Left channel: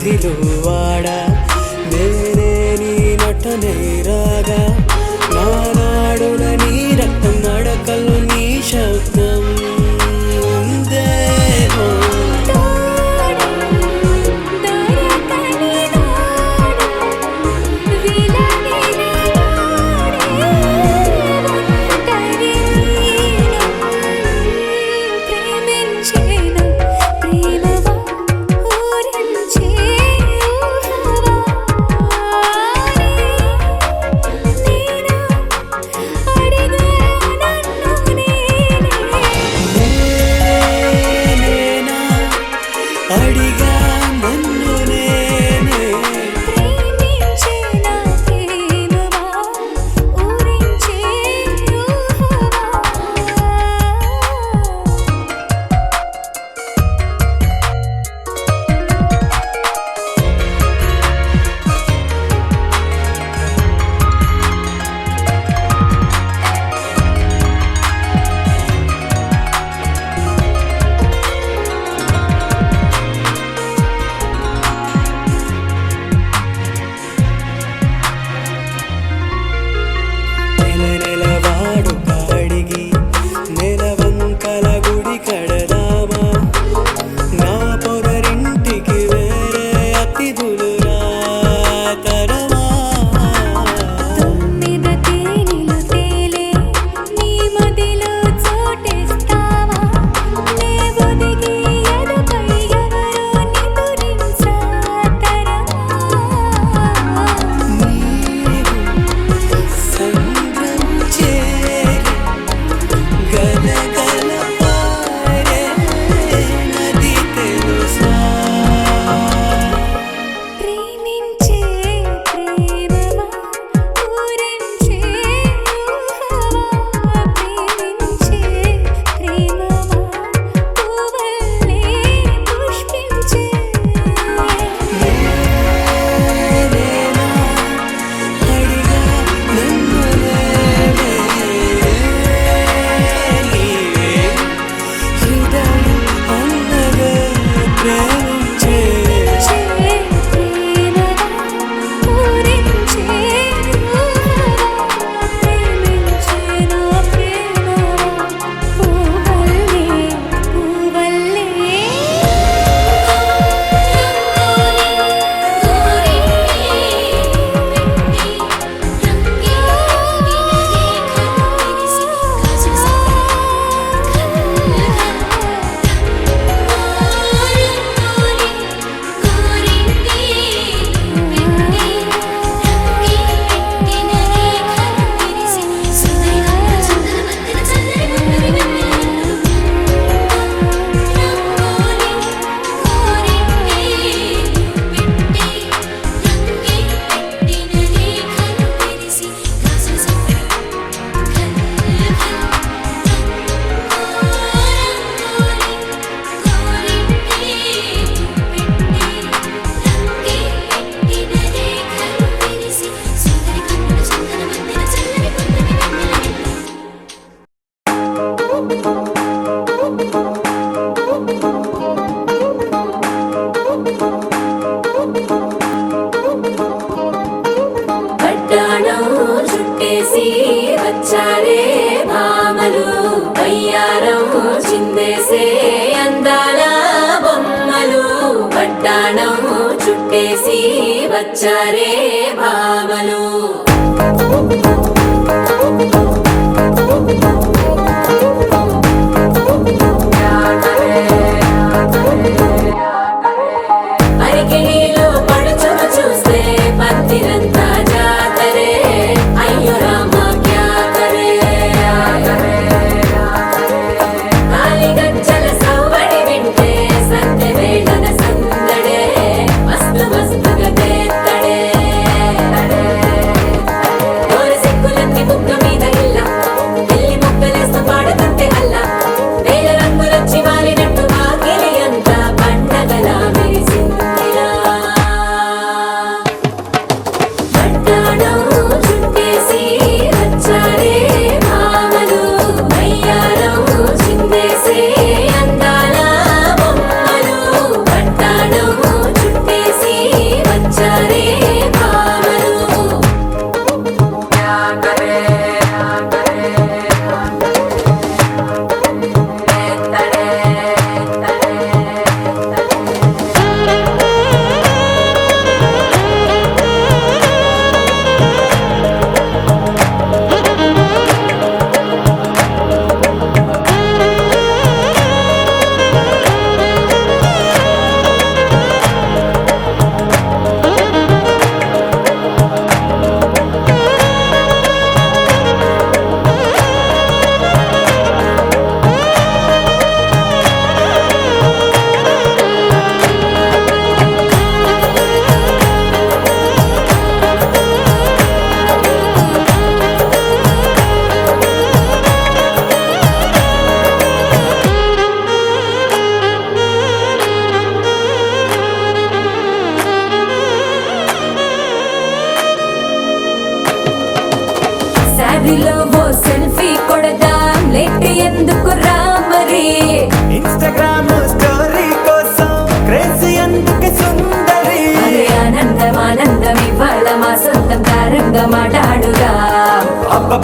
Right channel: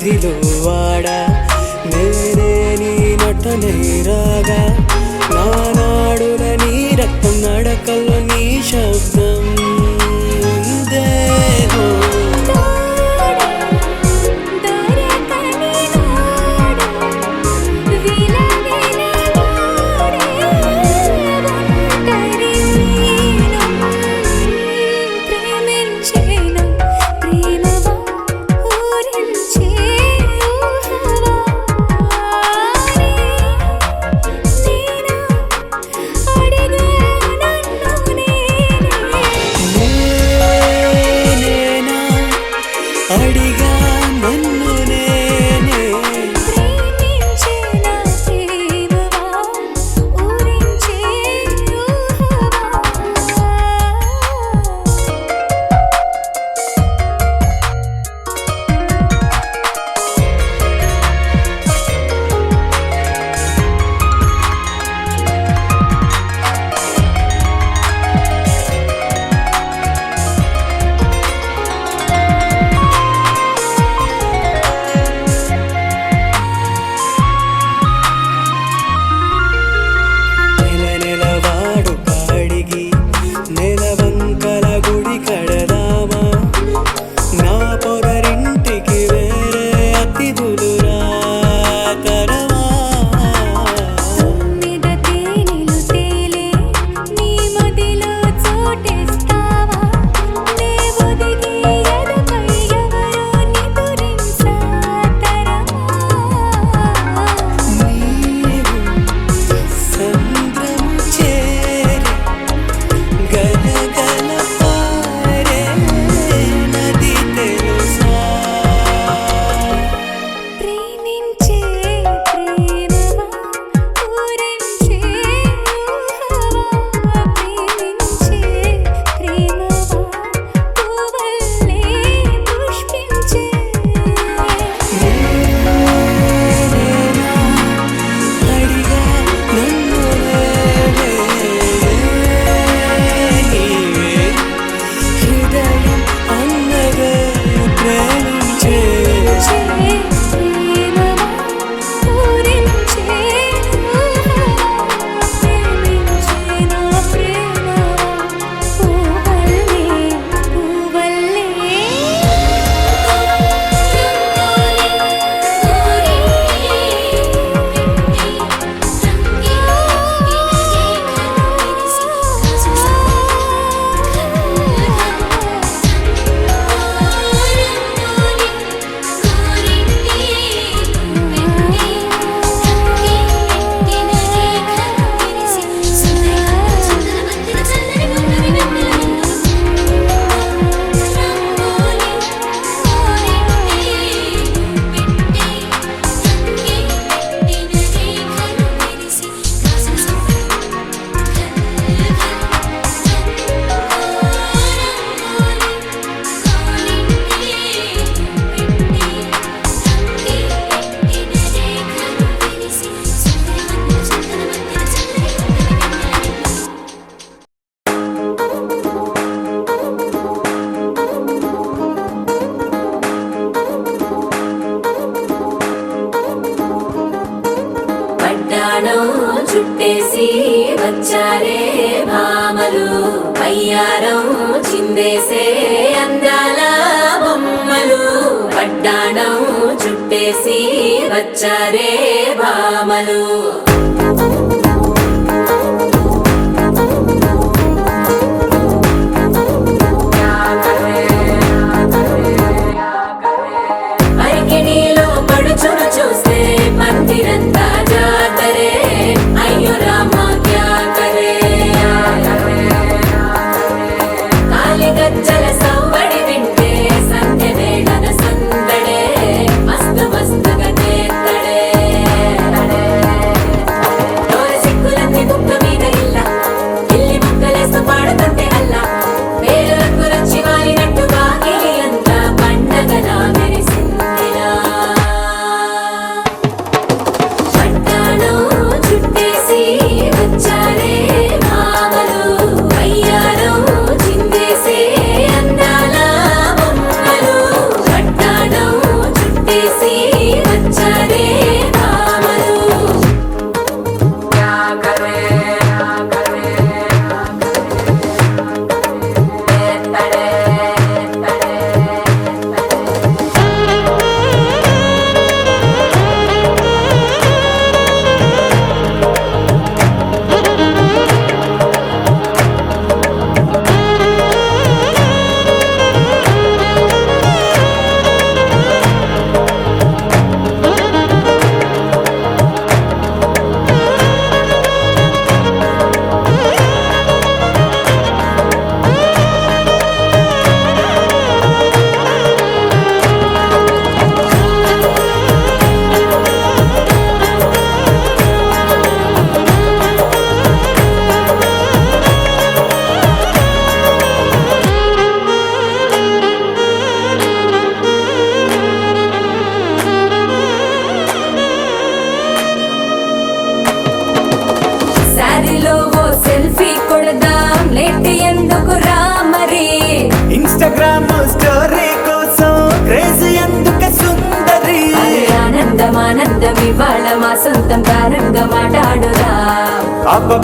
మదిలో వాడా నేనే నీ నటనే రాగా నానాడుల నీ రక్తం నడకల్లో నీ శబ్దం దేహో వచ్చారే భామలు వయ్యారం చిందేసే అందాల బొమ్మలు పట్టాణం చుట్టేసి వచ్చారే భామలు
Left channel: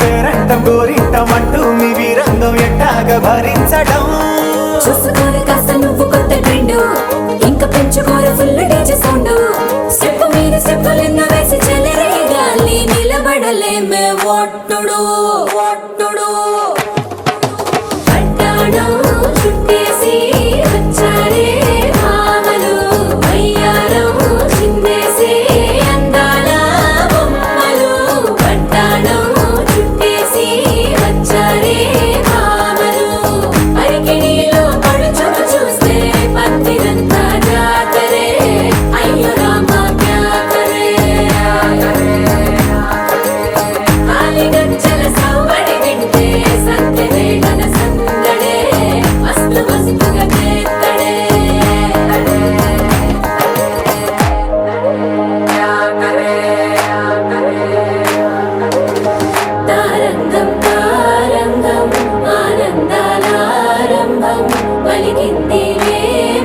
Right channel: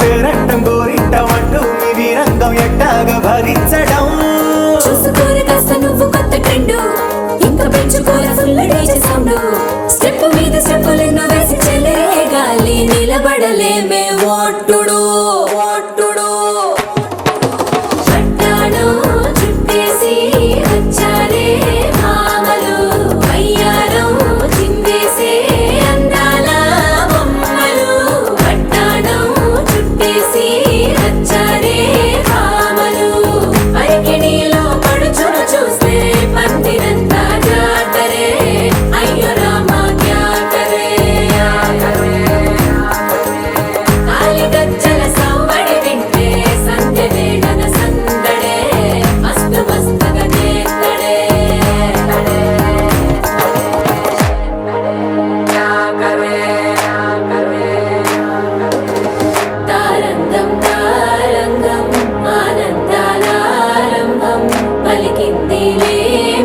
పేరంటం గోరింటం అంటూ మీ వీరంగం ఎట్టాగా భరించడం చూసుకోరు కాస్త నువ్వు కొత్త ట్రెండ్ ఇంకా పెంచుకోలే ఫుల్ డీజే సౌండ్ స్టెప్ మీద స్టెప్పులు ఎన్నో వేసి చెలే గాలి నిలబడలేమే ఒట్టుడు ఒట్టుడు పట్టాణం చుట్టేసి వచ్చారే భామలు వయ్యారం చిందేసే అందాల బొమ్మలు పట్టాణం చుట్టేసి వచ్చారే భామలు పరికిణీలో పడుచును చూస్తే పందిరంతా జాతరే అయ్యో రామా క్యా కరే కాలిగజ్జల సవ్వడి వింటే సంధ్యవేళన సందడే మస్తు మస్తుగా చేస్తడే తారంగం తారంగం ఆనందానారంభం పలికింది రే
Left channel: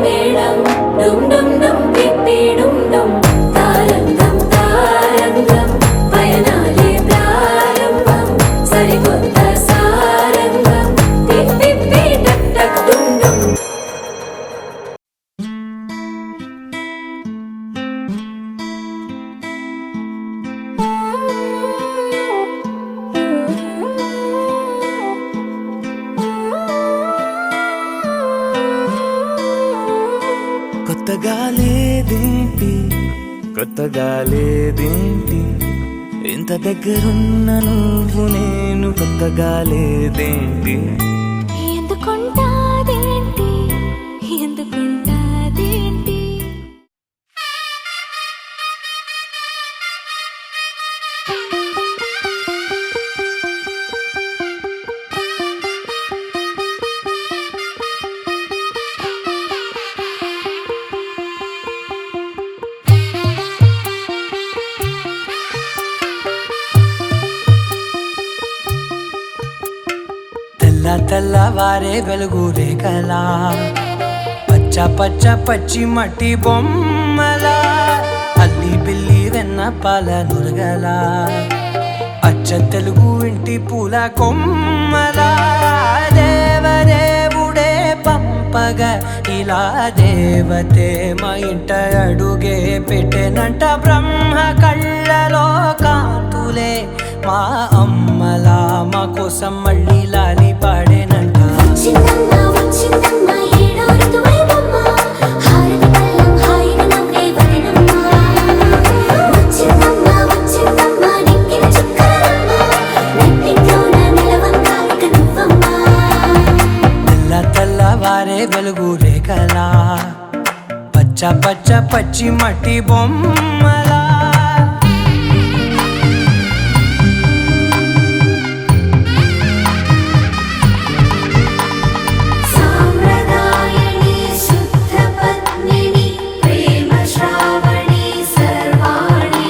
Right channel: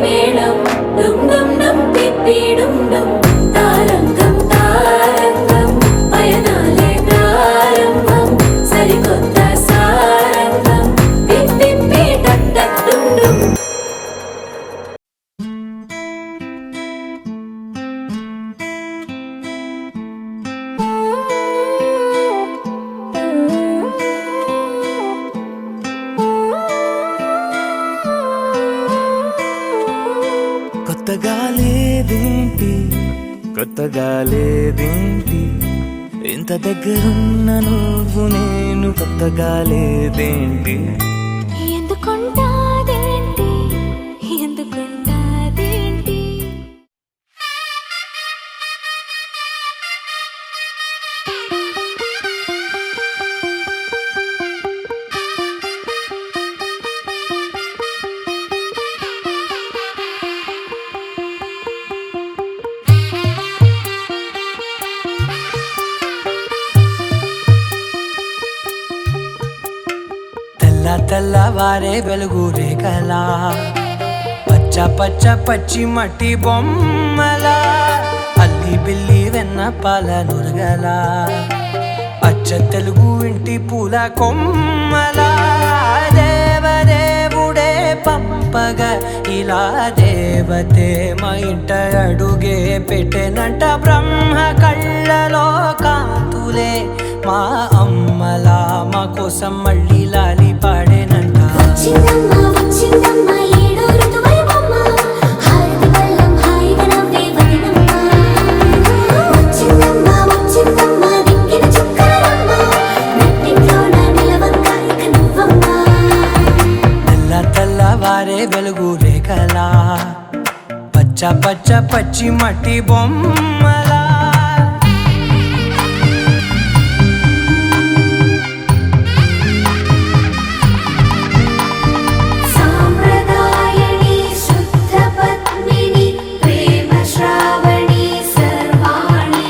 మేళం డుమ్ డుమ్ డుమ్ పిప్పి డుమ్ డుమ్ తారంగం తారంగం పయనాలే ప్రారంభం సరికొత్త సారంగం పిప్పి టక్ టక్ డుమ్ డుమ్ కొత్తగా లేదేంటి కొత్తగా లేదేంటి ఇంత దగ్గరున్న నువ్వు నేను కొత్తగా లేదేంటి ఎందుకుంటాదేంటి ఎందుకుంటాదేంటి తెల్లవారే వెలుగు రేఖలా పచ్చ పచ్చ పచ్చి మట్టి బొమ్మలా అల్లి బిల్లి వెన్న పాల నురగలా అచ్చ అచ్చ తెలుగు ఇంటి పూల కొమ్మలా దేవదేవుడే పంపగా ఇలా దేవతే మా ఇంట అడుగే పెట్టెనంట బ్రహ్మ కళ్ళలో కాంతులే మా అమ్మలా మా కోసం మళ్ళీ లాలి పాడేనంట వచ్చిందమ్మ వచ్చిందమ్మ ఏడో ఋతువైవమ్మ హారతి పళ్ళం హాయిగా నవ్వే వదినమ్మ వచ్చిందమ్మ వచ్చిందమ్మ నిక్కిన చుక్కలమ్మ నెట్టింట్లోన నిలవంగా ఇక నువ్వమ్మ తెల్ల తెల్లవారే వెలుగు రేఖలా పచ్చ పచ్చ పచ్చి మట్టి బొమ్మలా సాంప్రదాయని శుద్ధ పద్మిని ప్రేమ శ్రావణి సర్వాణి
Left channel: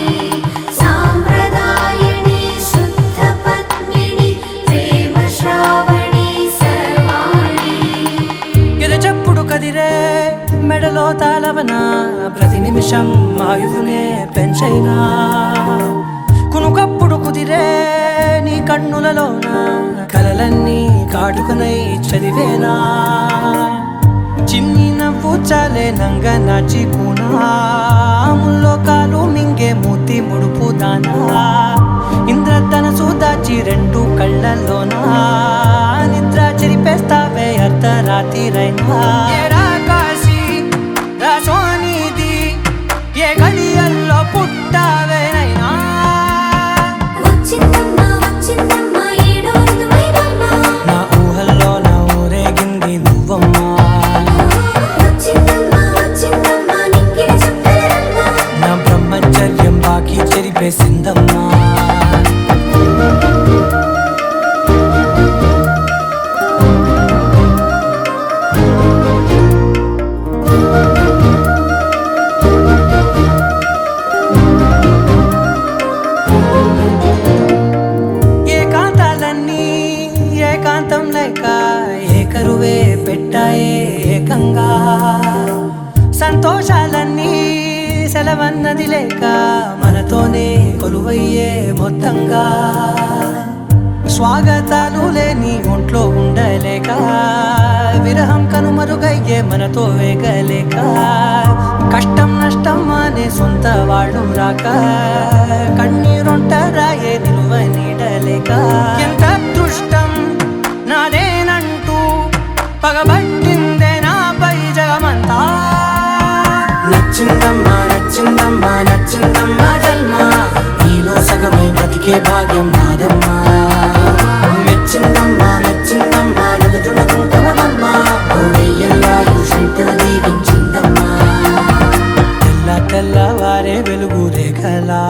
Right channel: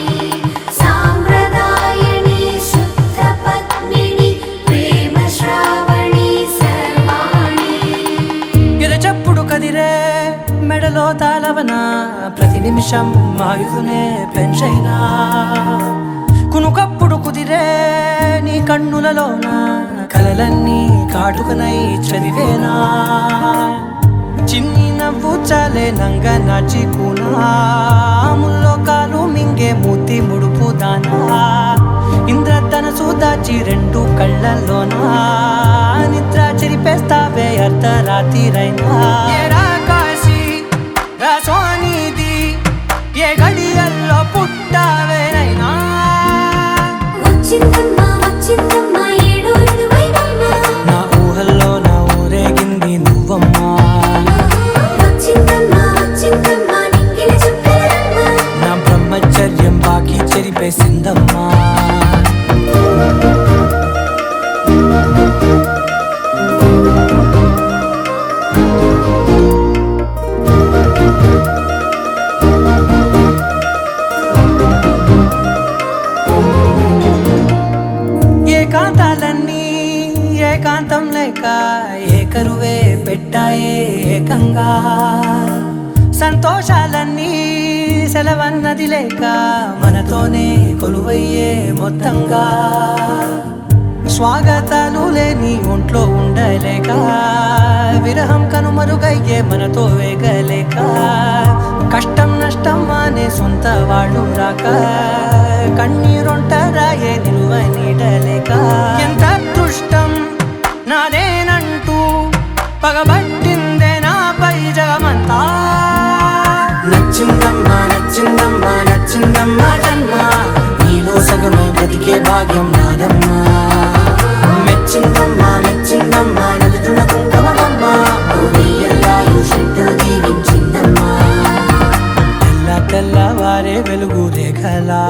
సాంప్రదాయని శుద్ధ పద్మిని ప్రేమ శ్రావణి సర్వాణి ఎదచప్పుడు కదిరే మెడలో తాళవన ప్రతి నిమిషం ఆయుధునే పెంచైనా కునుకప్పుడు కుదిరే నీ కన్నులలోన కలలన్నీ కాటుకనై చదివేనా చిన్ని నవ్వు చాలే నంగ నాచి కూనాముల్లో కాలు మింగే మూతి ముడుపు దానా ఇంద్రధనసు దాచి రెండు కళ్ళల్లోనా నిద్ర చెరిపేస్తావే అర్ధరాత్రిరైనా ఏరా కాశీ రా సోనిది ఏ గడియల్లో పుట్టావేనైనా వచ్చిందమ్మ వచ్చిందమ్మ ఏడో ఋతువైవమ్మ నా ఊహల్లో నా ఊరేగింది నువ్వమ్మా వచ్చిందమ్మ వచ్చిందమ్మ నిక్కిన చుక్కలమ్మ నా బ్రహ్మచర్యం బాకీ చెరిపేసిందమ్మా ఏకాంతాలన్నీ ఏకాంతం లేక ఏకరువే పెట్టాయే ఏకంగా సంతోషాలన్నీ సెలవన్నది లేక మనతోనే కొలువయ్యే మొత్తంగా స్వాగతాలు లేని ఒంట్లో ఉండలేక విరహం కనుమరుగయ్యే మనతో వేగలేక కష్టం నష్టం అనే సొంత వాళ్ళు రాక కన్నీరొంటరాయే నిలువ నీడలేక ఎంత అదృష్టం నాదేనంటూ పగబట్టిందే నాపై జగమంతా నచ్చిందమ్మా నచ్చిందమ్మా నచ్చిందమ్మా జన్మ నీలో సగమై బ్రతికే భాగ్యం నాదమ్మా మెచ్చిందమ్మా మెచ్చిందమ్మా నిలుచున కుంకమమ్మా వెయ్యల్లాలు శంకరు దీవించిందమ్మా తెల్ల తెల్లవారే వెలుగు రేఖలా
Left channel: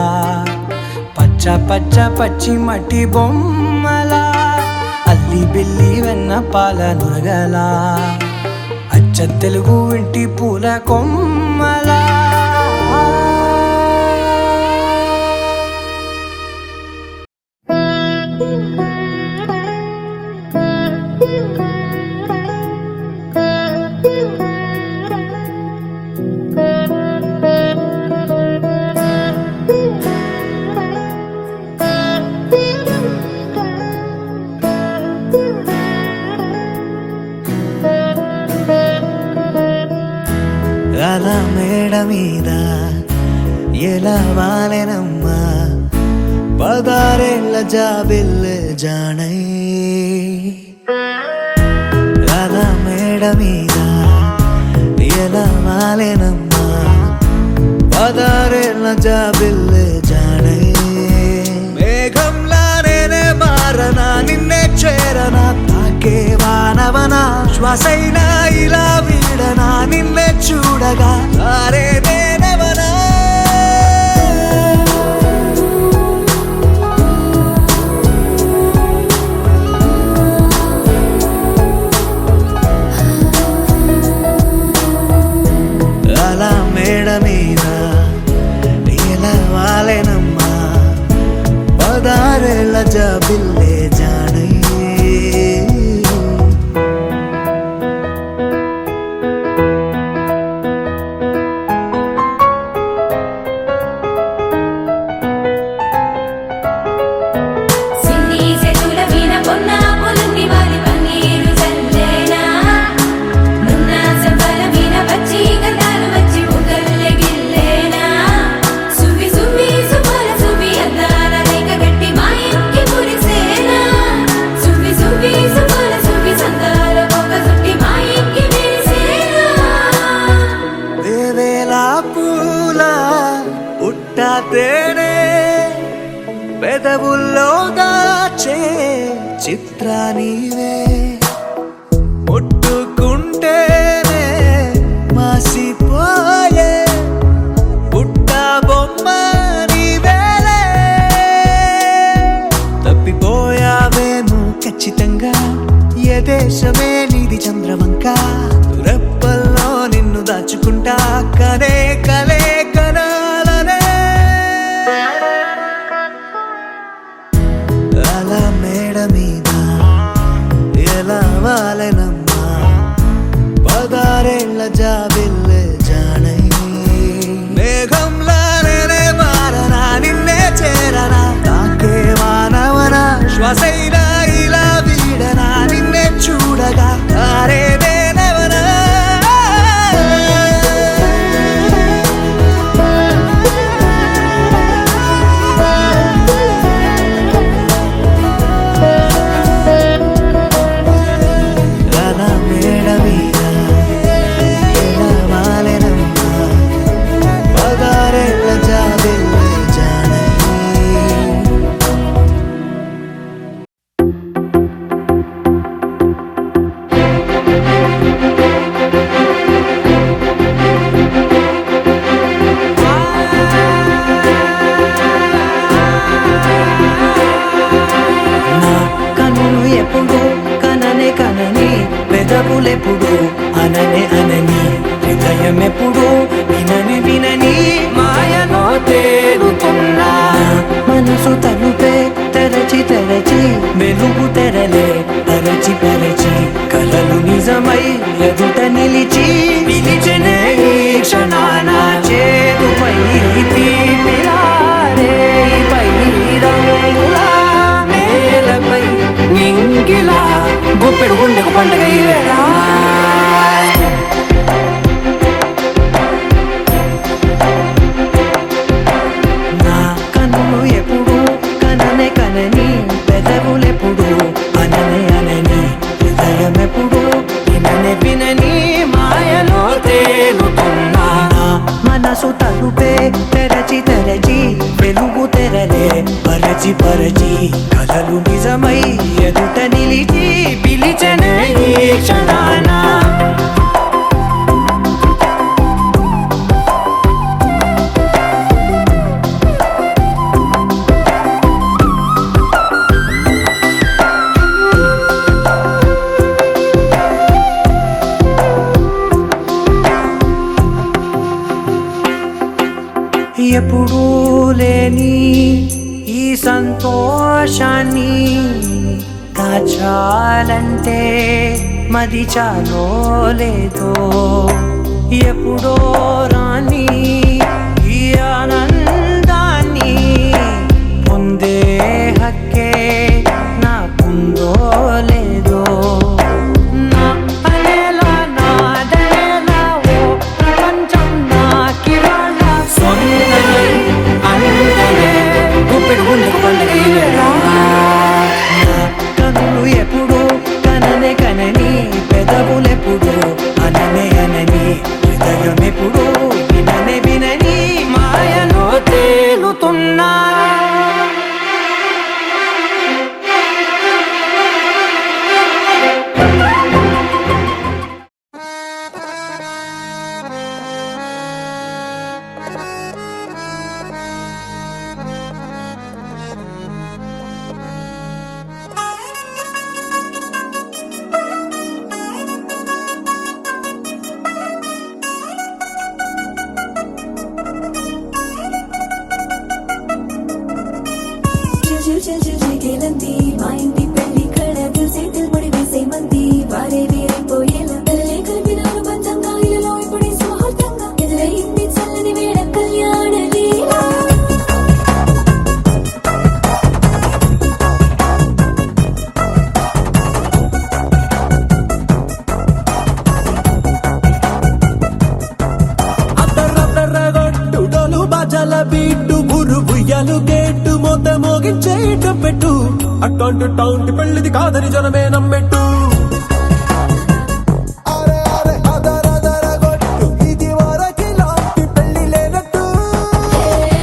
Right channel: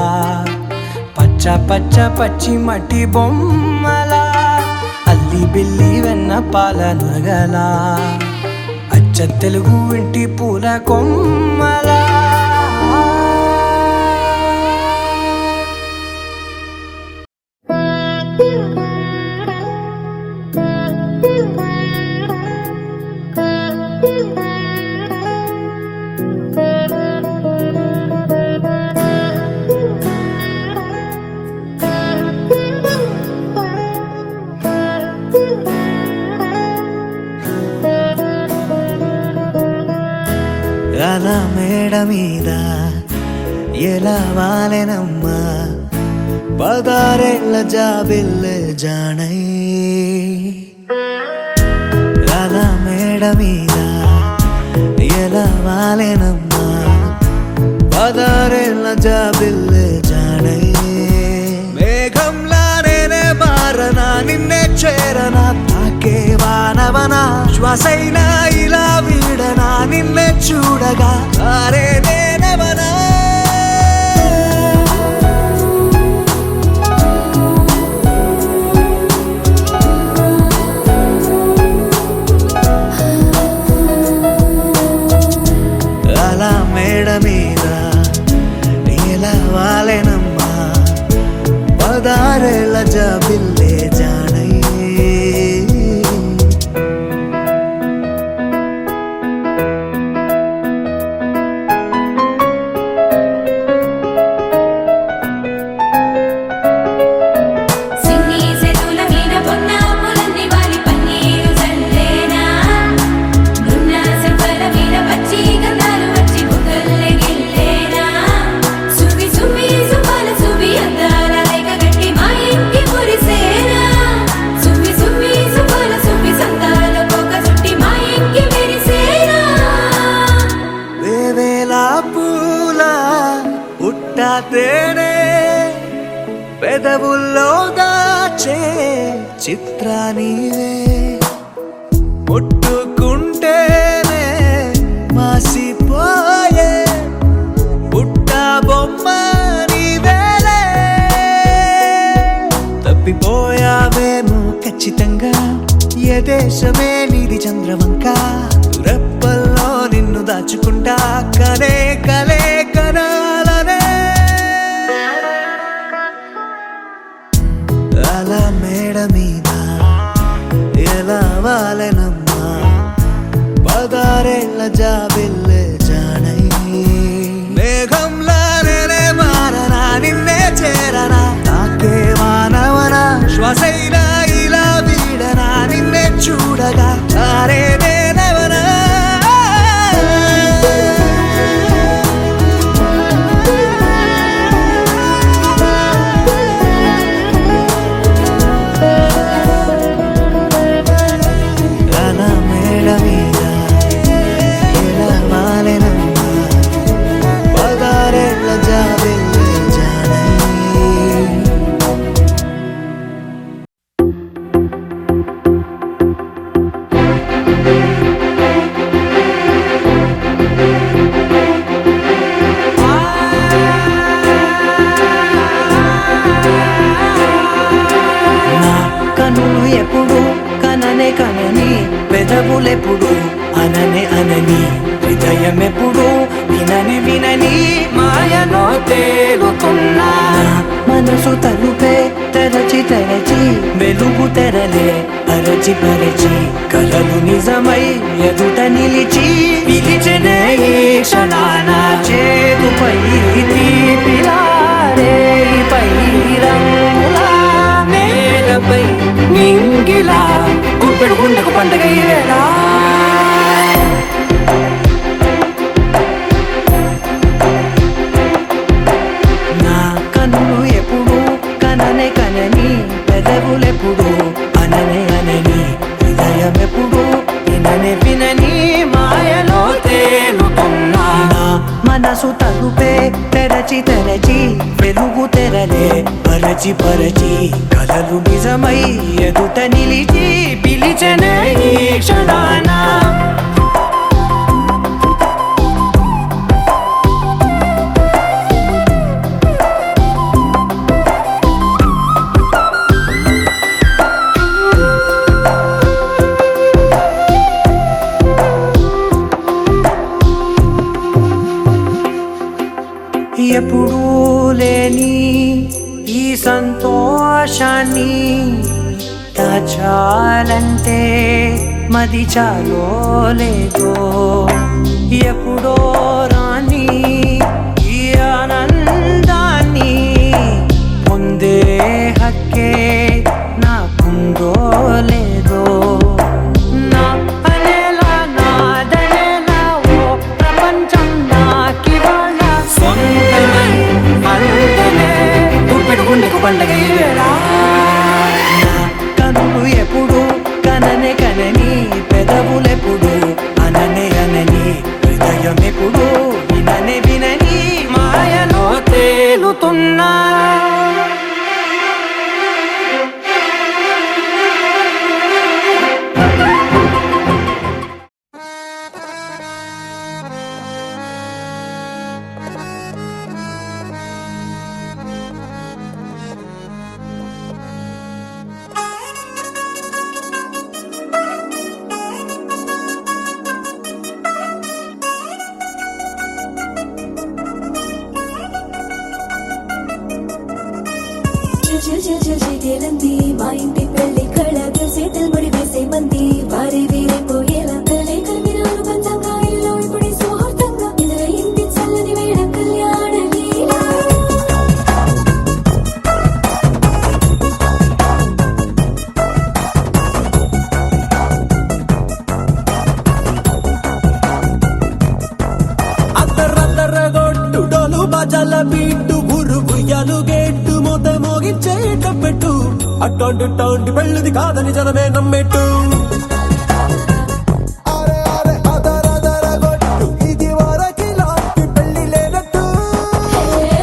పచ్చ పచ్చ పచ్చి మట్టి బొమ్మలా అల్లి బిల్లి వెన్న పాల నురగలా అచ్చ తెలుగు ఇంటి పూల కొమ్మలా అలా మేడ మీద ఎలా వాలెనమ్మా పదారేళ్ళ జాబిల్లె జానై అలా మేడ మీద ఎలా వాలెనమ్మా పదారేళ్ళ జాబిల్లె జానై మేఘంలా నేనే మారనా నిన్నే చేరనా తాకే వానవనా శ్వాసైనా ఇలా వీడనా నిన్నే చూడగా సారే నేనవనా అలా మేడ మీద ఎలా వాలెనమ్మా పదారేళ్ళ జాబిల్లే జానై తేనే పెదవుల్లో దాచే చిత్రానివే ముట్టుకుంటేనే మాసిపోయే పుట్ట బొమ్మ నీవేలే తప్పిపోయావేమో ఖచ్చితంగా ఏ దేశమే నీది చంద్రవంక రెప్పల్లో నిన్ను దాచుకుంటా కనే కలే కనాలనే అలా మేడ మీద ఎలా వాలెనమ్మా పదారేళ్ల జాబిల్లే జానై మేఘంలానే మారనా నిన్నే చేరనా నాకే మానవనా శ్వాసైనా ఇలా వీడనా నిన్నే చూడగా తారేదేనవనా అలా మేడ మీద ఎలా వాలెనమ్మా పదారేళ్ల జాబిల్లే జానై నా కనులు ఎప్పుడు కననే కనని పెదవులెప్పుడు అననే అనని హృదయం ఎప్పుడు వినని వినని మాయలో తేలుతున్నా మనసు తలుపే తెరచి తెరచి వెలుగు తెరలే పరచి పరచి కలలు నిజమై ఎదుట నిలిచి పిలిచనే ఈ క్షణాన చేతుపై తీపిలారే పై రంగులా నేలపై నింగిలా గుప్పెడు గుండెకు పండుగ ఈ వేళ నా కన్నులు ఎప్పుడు కననే కనని పెదవులెప్పుడు అననే అనని హృదయం ఎప్పుడు విననే వినని మాయలో తేలుతున్నా నా మనసు తలుపే తెరచి తెరచి వెలుగు తెరలే పరచి పరచి కలలు నిజమై ఎదుట నిలిచి పిలిచనే ఈ క్షణాన ఎప్పుడూ లేని ఈ సంతోషాన్ని దాచాలంటే మది చాలో లేదో ఎప్పుడో రాని ఈ ఆనందాన్ని పొందే హక్కే నాకుందో లేదో నా అనేలా నాదనేలా ఓ ప్రపంచం నాకివాళ్ళ సొంతమై అల్దనే గుప్పెడు గుండెకు పండుగ ఈ వేళ నా కనులు ఎప్పుడు కననే కనని పెదవులెప్పుడు అననే అనని హృదయం ఎప్పుడు విననే వినని మాయలో తేలుతున్నా చిల్చిల్చిల్చిల్చిల్లంది మా ఇంటి పెళ్లి కళగా చేతులు ముడి వేసే మంది వారే వీరిపోయేలా తల్లి కలిపిన పంచంగాయలలో ఇప్పుడు స్వార్థంగా ఎదురయింది చల్లని వేళ కళ్యాణ లీల అద్దరద్దరగొట్టుడోలు బాజల బీటు గురుబుయ్యలు గేట్టు మోత మోగించి పెట్టు అట్టాంటి టాంటి పెళ్ళిది కాదని జనమే నమ్మెట్టు అరే అరే అదరదరగొట్టు ఇది వరకి లాంటి పెళ్లి లేనట్టు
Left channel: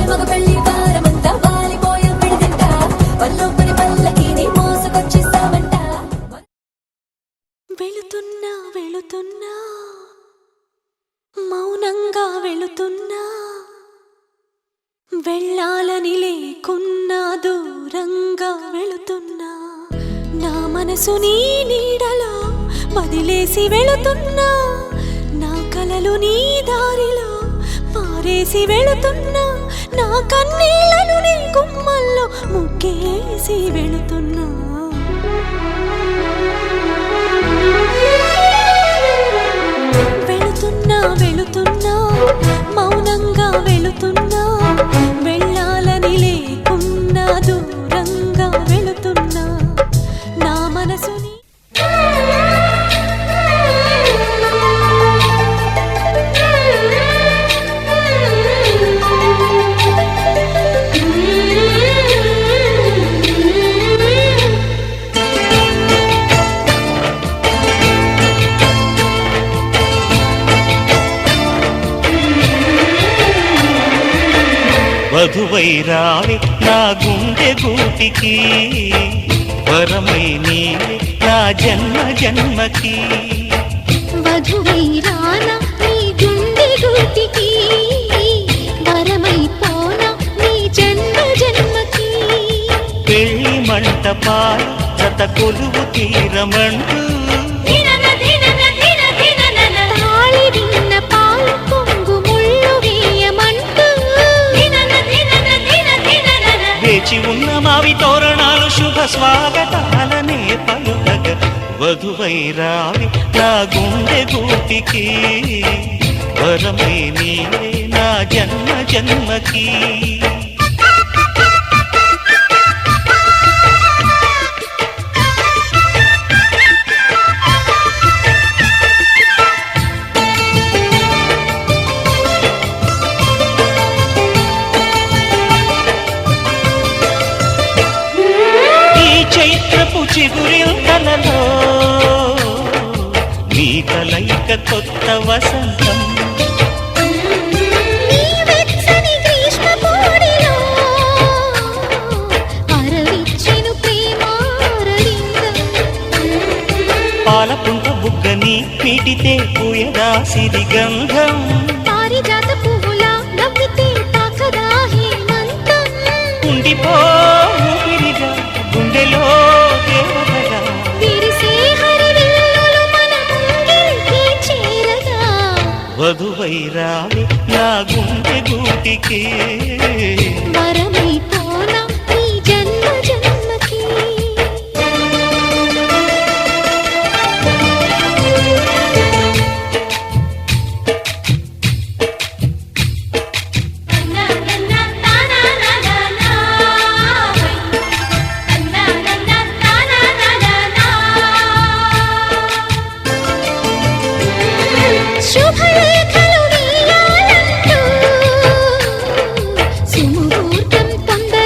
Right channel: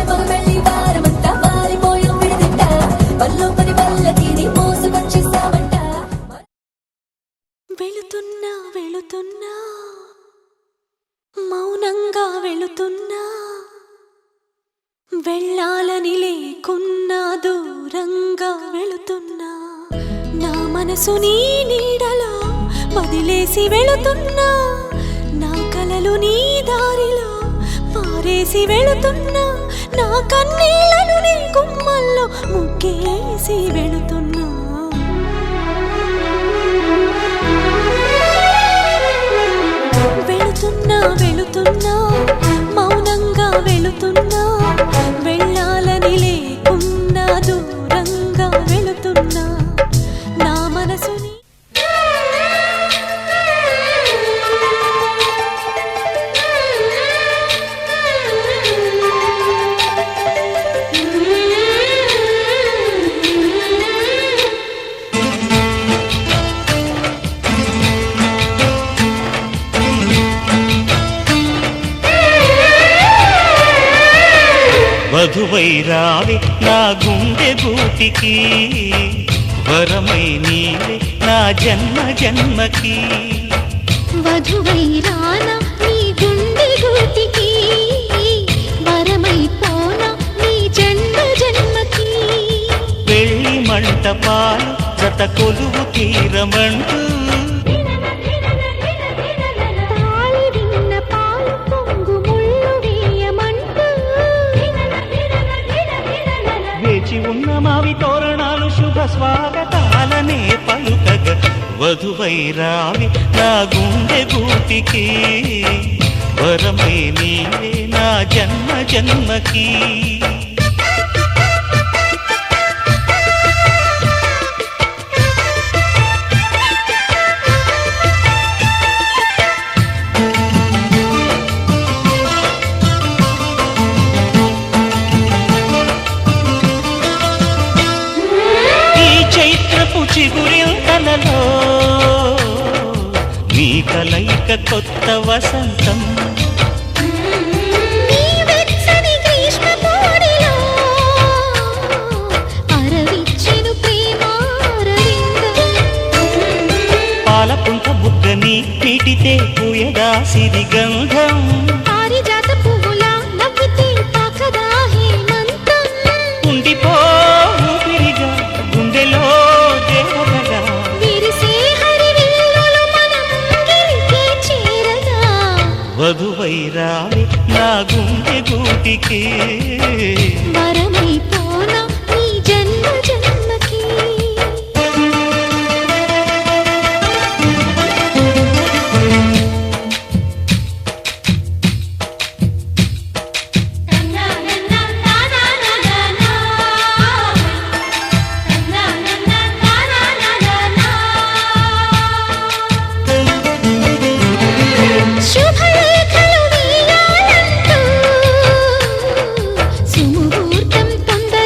మగ పెళ్లి వెళుతున్నా వెళుతున్నా మౌనంగా వెళుతున్నా వెళ్ళాలని లేకున్నా దూరంగా వెళుతున్నా నా మనసు నీ నీడలో వదిలేసి వెళుతున్నా నా కలలు నీ దారిలో పారేసి వెళుతున్నా నా కన్నీళ్లను నీ గుమ్మల్లో ముగ్గేసి వెళుతున్నా వెళుతున్నా వెళుతున్నా మౌనంగా వెళుతున్నా వెళ్ళాలని లేకున్నా దూరంగా వెళుతున్నా నా మనసుని వధువై రావే నా గుండె గూటికి వరమై నీవే నా జన్మ జన్మకి వధువై రానా నీ గుండె గూటికి వరమై పోనా నీ జన్మ జన్మకి పెళ్లి మంటపాలు జత కొలువు తీరమంటూ తాళి విన్న పాలు పొంగు ముళ్ళు వేయమంటూ వేచి ఉన్న మావి తోరణాలు శుభ స్వాగతాలనే పలుకగ వధువై రావి నా గుండె గూటికి వరమై నీవే నా జన్మ జన్మకి చైత్రపు చిగురింతలలో నీ కలయిక కొత్త వసంతం నీ వెచ్చని గ్రీష్మ పోరిలో అరవిచ్చెను ప్రేమారవిందం పాలపుంట బుగ్గని పీటితే పూయగా సిరి గంధం పారిజాత పువ్వులా నవ్వితే తాకదా హేమంతం ఉండిపో ఊపిరిగా గుండెలో దేవతగా విరిసే హరివిల్లులు మన ముంగిలికి చేరగా వధువై రావి నా గుండె గూటికి వరమై పోనా ఈ జన్మ జన్మకి శుభలేఖలు వేయాలంటూ సుముహూర్తం తొందర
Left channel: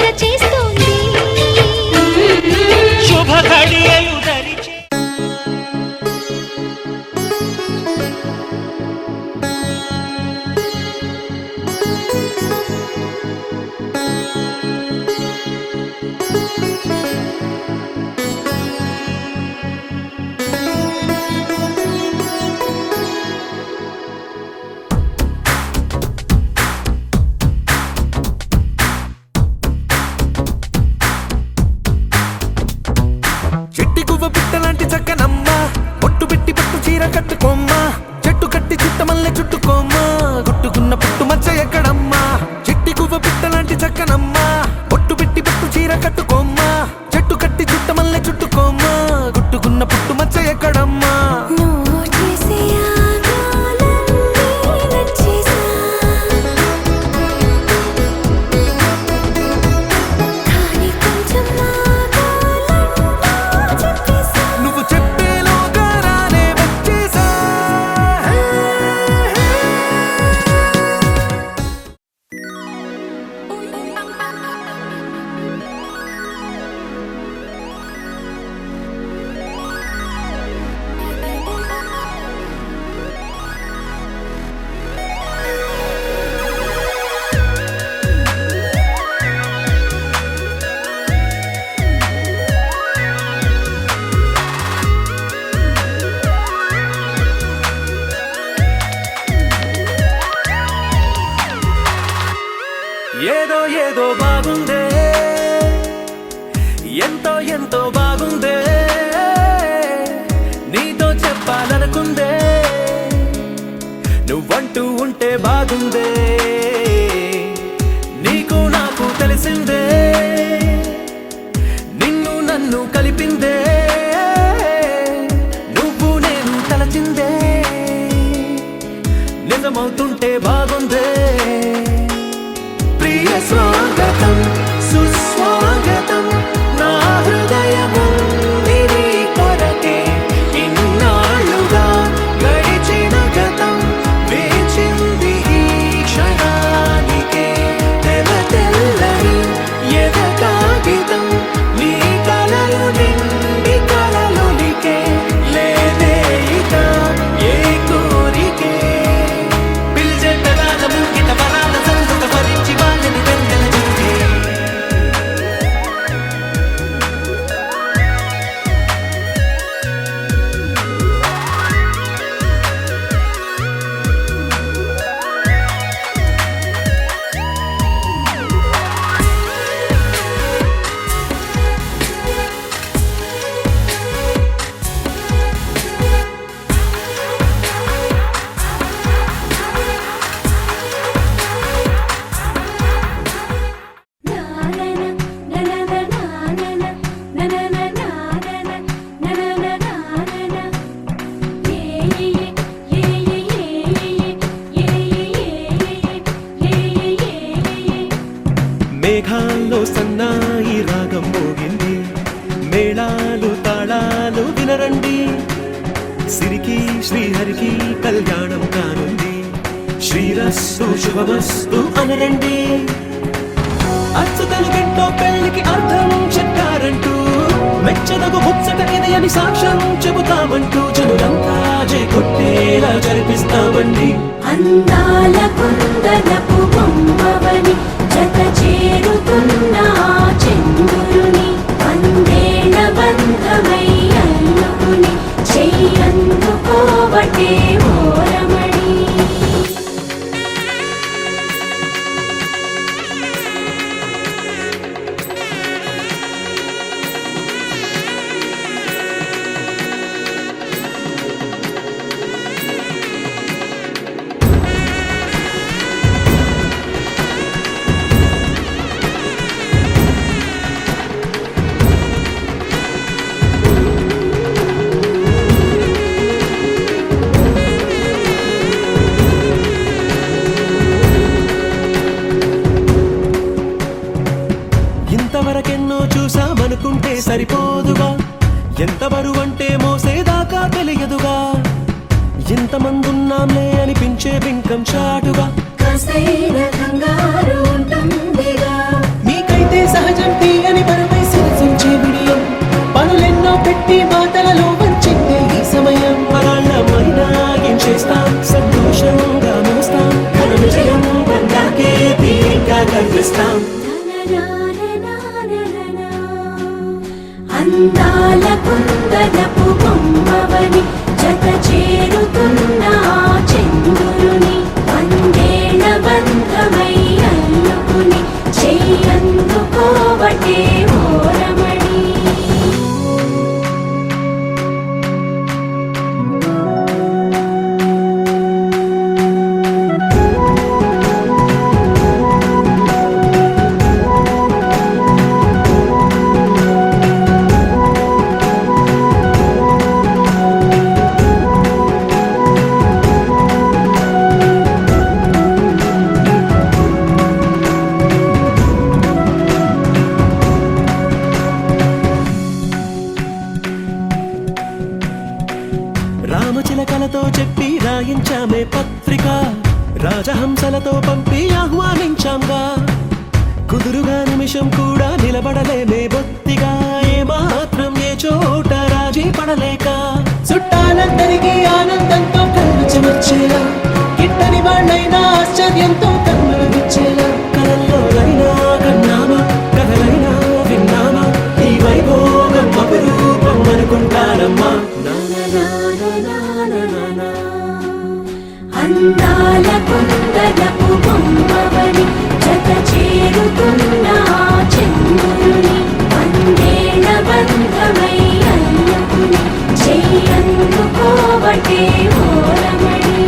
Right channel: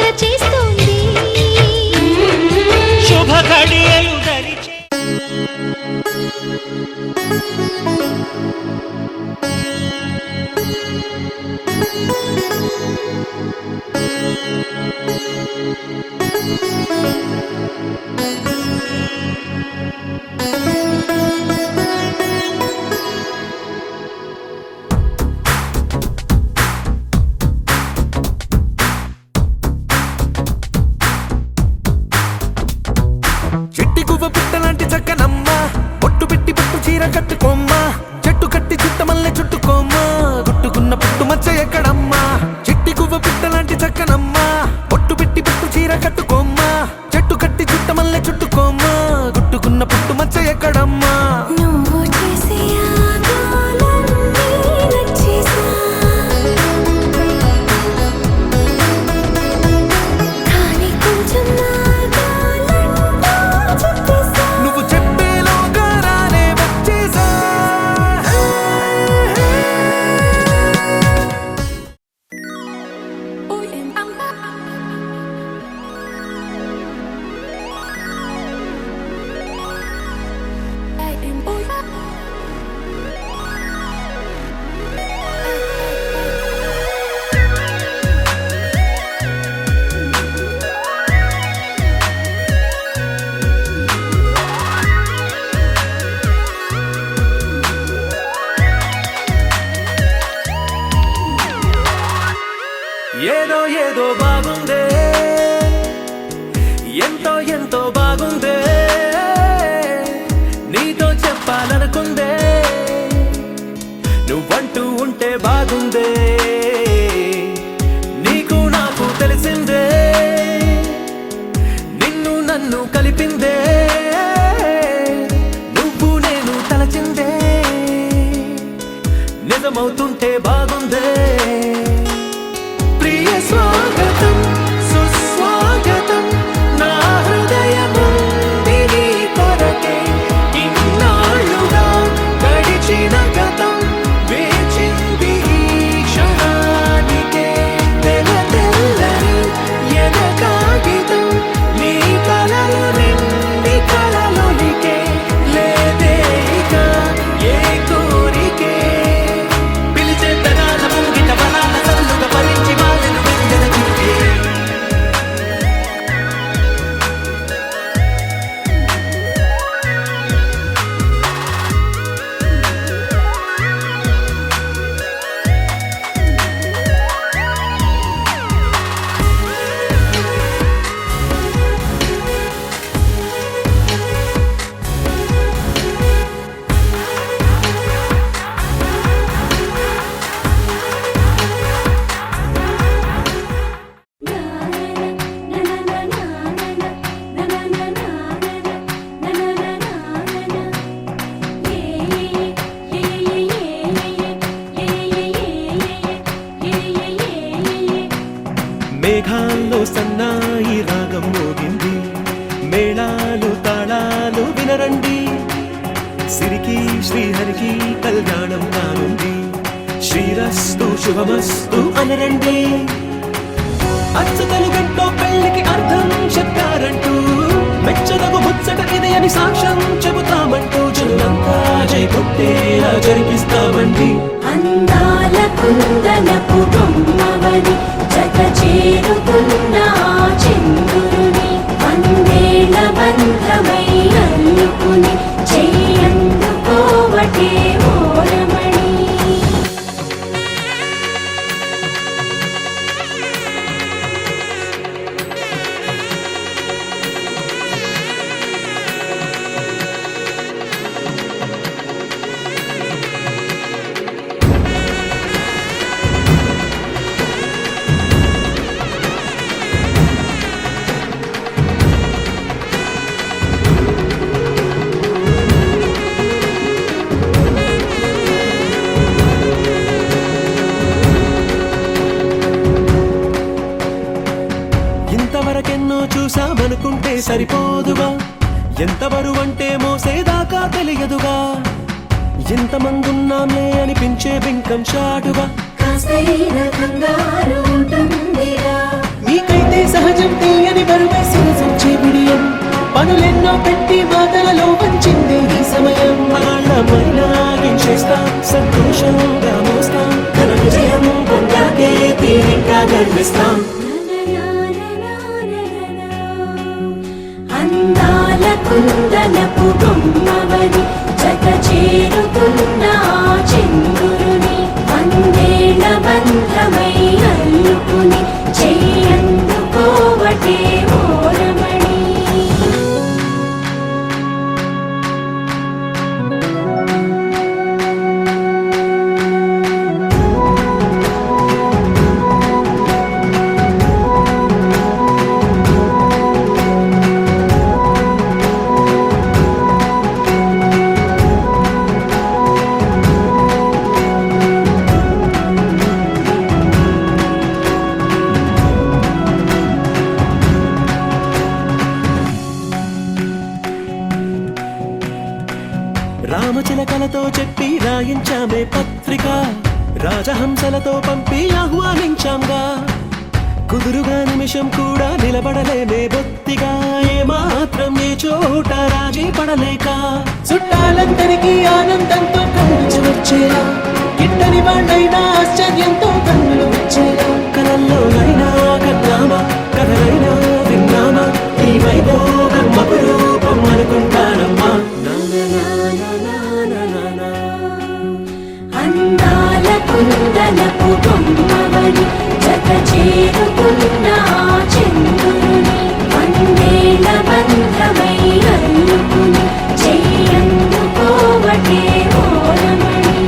నువ్వంటూ ఉంటే బాగుందే నీకు నాకు తెలిసిందే నిన్ను నన్ను కలిపిందే నువ్వు నేను తలచిందే నిజమవుతుంటే బాగుందే ప్రియ స్వాగతం సుస్వాగతం నా హృదయముంది నీ కొరకే ఇన్నాళ్ళుగా గడిచిన గతం వేచింది ఈ క్షణానికే తెల తెల్లని ఎద కాగితం నీ కలలు నిండి కలలొలికే లేదే ఇక ఏ కోరికే పిలిచే పెదాల ముంగిట వరాల సల్లుగా భరించి వాళ్ళను వెంటనే చూడే మేఘాల్లో సన్నాయి రాగం మోగింది మేళాలు తాళాలు వినరండి సిరికి శ్రీహరికి కళ్యాణం కానుంది శ్రీరస్తు శుభమస్తు అనరండి అచ్చతలు గంటో పెళ్లికి అర్థం చెప్పారంటూ మెచ్చదగు ముచ్చట ఇది అని సాక్ష్యం చెబుతామంటూ జనులంతా జై కొట్టేలా జరిపిస్తామండి అందాల కుందనపు బొమ్మవని జత చేరుతున్న ఆ చంద్రుని వందేళ్ల బంధమై అల్లుకుని చెయ్యందుకోవటే ఓరమణి ఇంతవరకెన్నో చూసామనుకుంటే సరిపోదుగా ఎంత బరువంటే మోసేదాకా తెలియదుగా ఇంతమందున్నాంలే అనిపించే బింకం చాటుగా కాస్తైన కంగారు ఉంటుందిగా మీకైతే సహజం తీయని బరువై సిరిసంచే బిడియం పనులెన్నో పెట్టి మాటలలో వంచిందే ఈ సమయం మనాళ్ళమైనా ఏం చేస్తాం సంతోషంగా మోస్తాం ఘన విజయం పొందాకే తీరిగ్గా గర్విస్తాం అందాల కుందనపు బొమ్మవని జత చేరుతున్న ఆ చంద్రుని వందేళ్ల బంధమై అల్లుకుని చెయ్యందుకోవటే ఓరమణి రామచిలకలతో చెప్పి రాయించామే పత్రిక రాజహంసలతో పంపి ఆహ్వానించాంగా కుదురుగా నిమిషం కూడా నిలబడలేమే బొత్తిగా ఏ మాత్రం ఏ చోట రాజీ పడలేక చుట్టాలందరికీ ఆనందంతో కళ్ళు చెమర్చేలా గిట్టని వాళ్ళైనా ఆశ్చర్యంతో కన్నులు వచ్చేలా కలల్లోనైనా కన్నామా కథలైనా విన్నామా ఈ వైభోగం అపురూపం అనుకుంటానమ్మా అందాల కుందనపు బొమ్మవని జత చేరుతున్న ఆ చంద్రుని వందేళ్ల బంధమై అల్లుకుని చెయ్యందుకోవటే ఓరమణి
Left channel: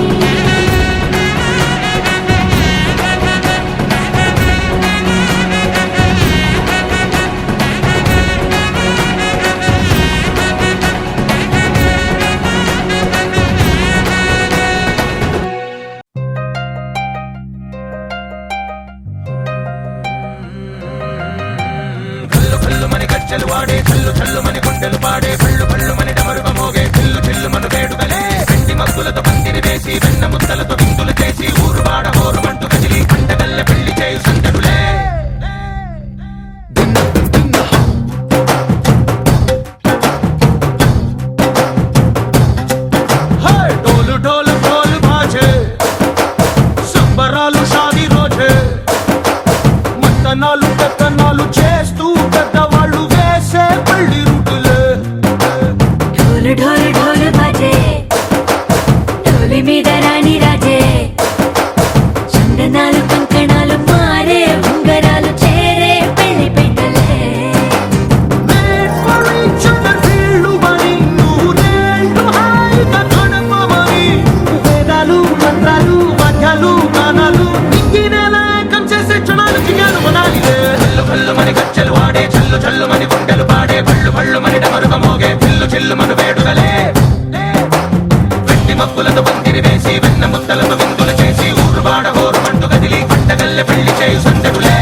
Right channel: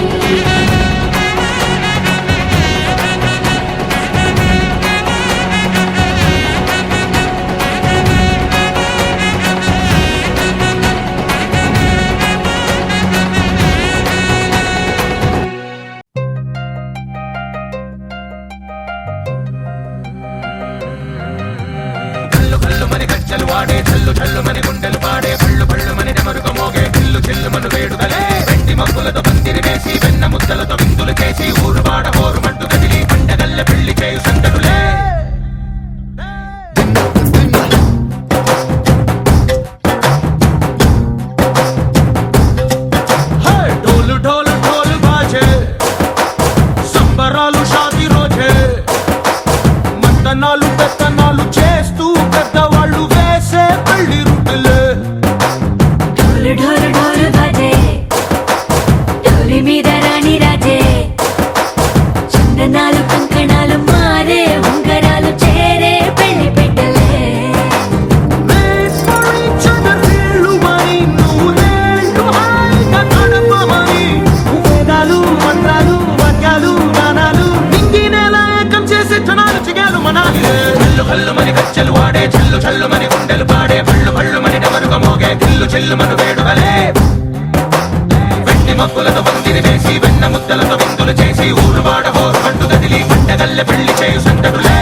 చల్లు చల్లు మని గుండెలు పాడే పళ్ళు పళ్ళు మని డమరుగ మోగే చిల్లు చిల్లు మను వేడుకలే వెండి మబ్బులతో పందిరి వేసి వెన్న ముద్దలతో విందులు చేసి ఊరు వాడ హోరు మంటు గదిలి పంటగల్లె పెళ్లి చేయు సందడులే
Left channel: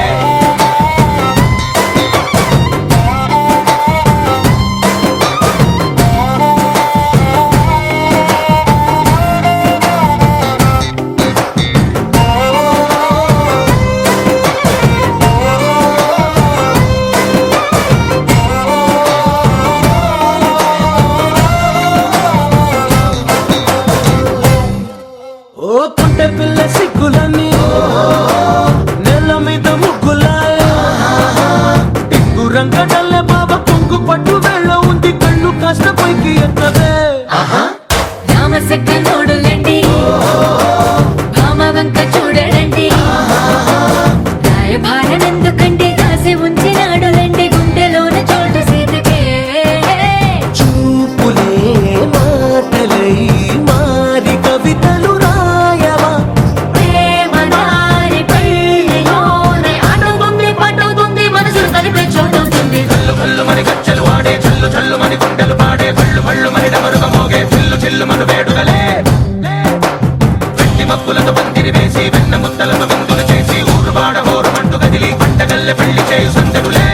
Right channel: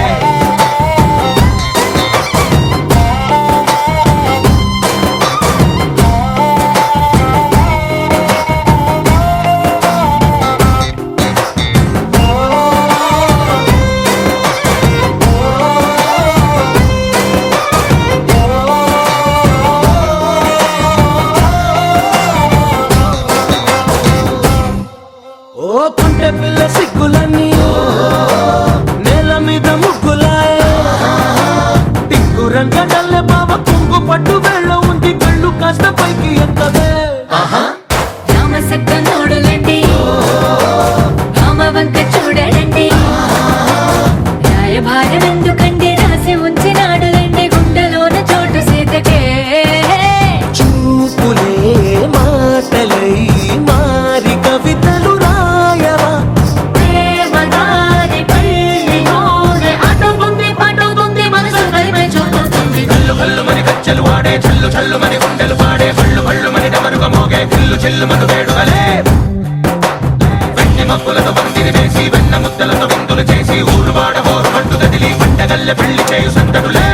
ఓ పుంటె పిల్ల సిక్కులన్నీ నేల మీద ముగ్గులాయే టింగు రంగడల్లే బావ కుంగు పట్టు వేళ్ళ ఉంది కళ్ళు కాస్త పైకి ఎక్కదే రామ సక్క నోడులండి రామ వంక చూడడండి రాయభారం ఎందుకండి రాసి ఉంచినాడు రండి గుండెలోన చోటు సీతకే చూపులే మాటలై మారి కవితలు రాయవా ప్రేమదారి పెళ్లిలోనే అడుగుంది పడుతుంది మనసు కలిపే చూపుతుంది కల్లు కల్లు మని గజ్జలు వాడే చల్లు చల్లు మని గుండెలు పాడే పళ్ళు పళ్ళు మని డమరుగ మోగే చిల్లు చిల్లు మను వేడుకలే వెండి మబ్బులతో పందిరి వేసి వెన్న ముద్దలతో విందులు చేసి ఊరు వాడ హోరు మంటు గదిలి పంటగల్లె పెళ్లి చేయు సందడులే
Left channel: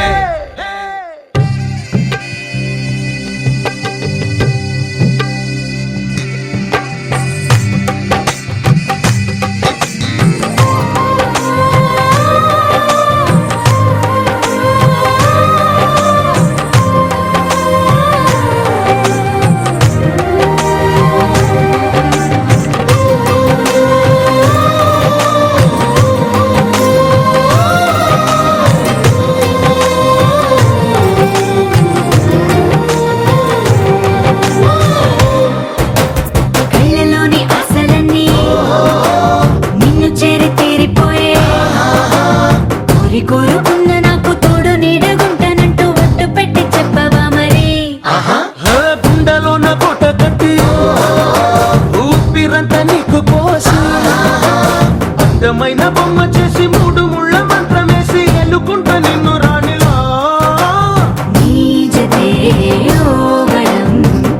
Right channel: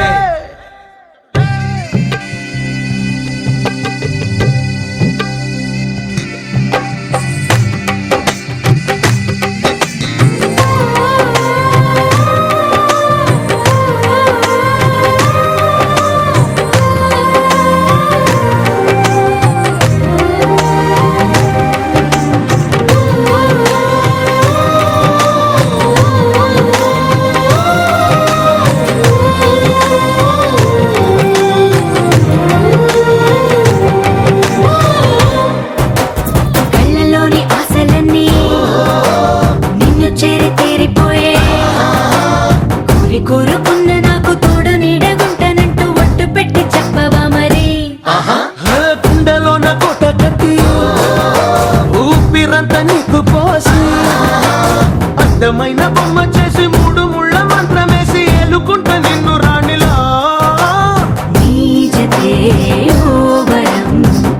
కళ్ళలోని ఆశలన్నీ నిన్ను చేరి తీరిపోయే కోరి కోరుకున్న నాకు తోడు నీడగుంటానంటూ ఒట్టు పెట్టి చెప్పవా మరి గుండెలోన గుట్ట కట్టి ఊపిరంతా నీకు పోసి అందమైన బొమ్మ చేసి మూడు ముళ్ళ మంత్రమేసి ఎలుకుంట నిన్ను రాణిలా నీజతే యోవరం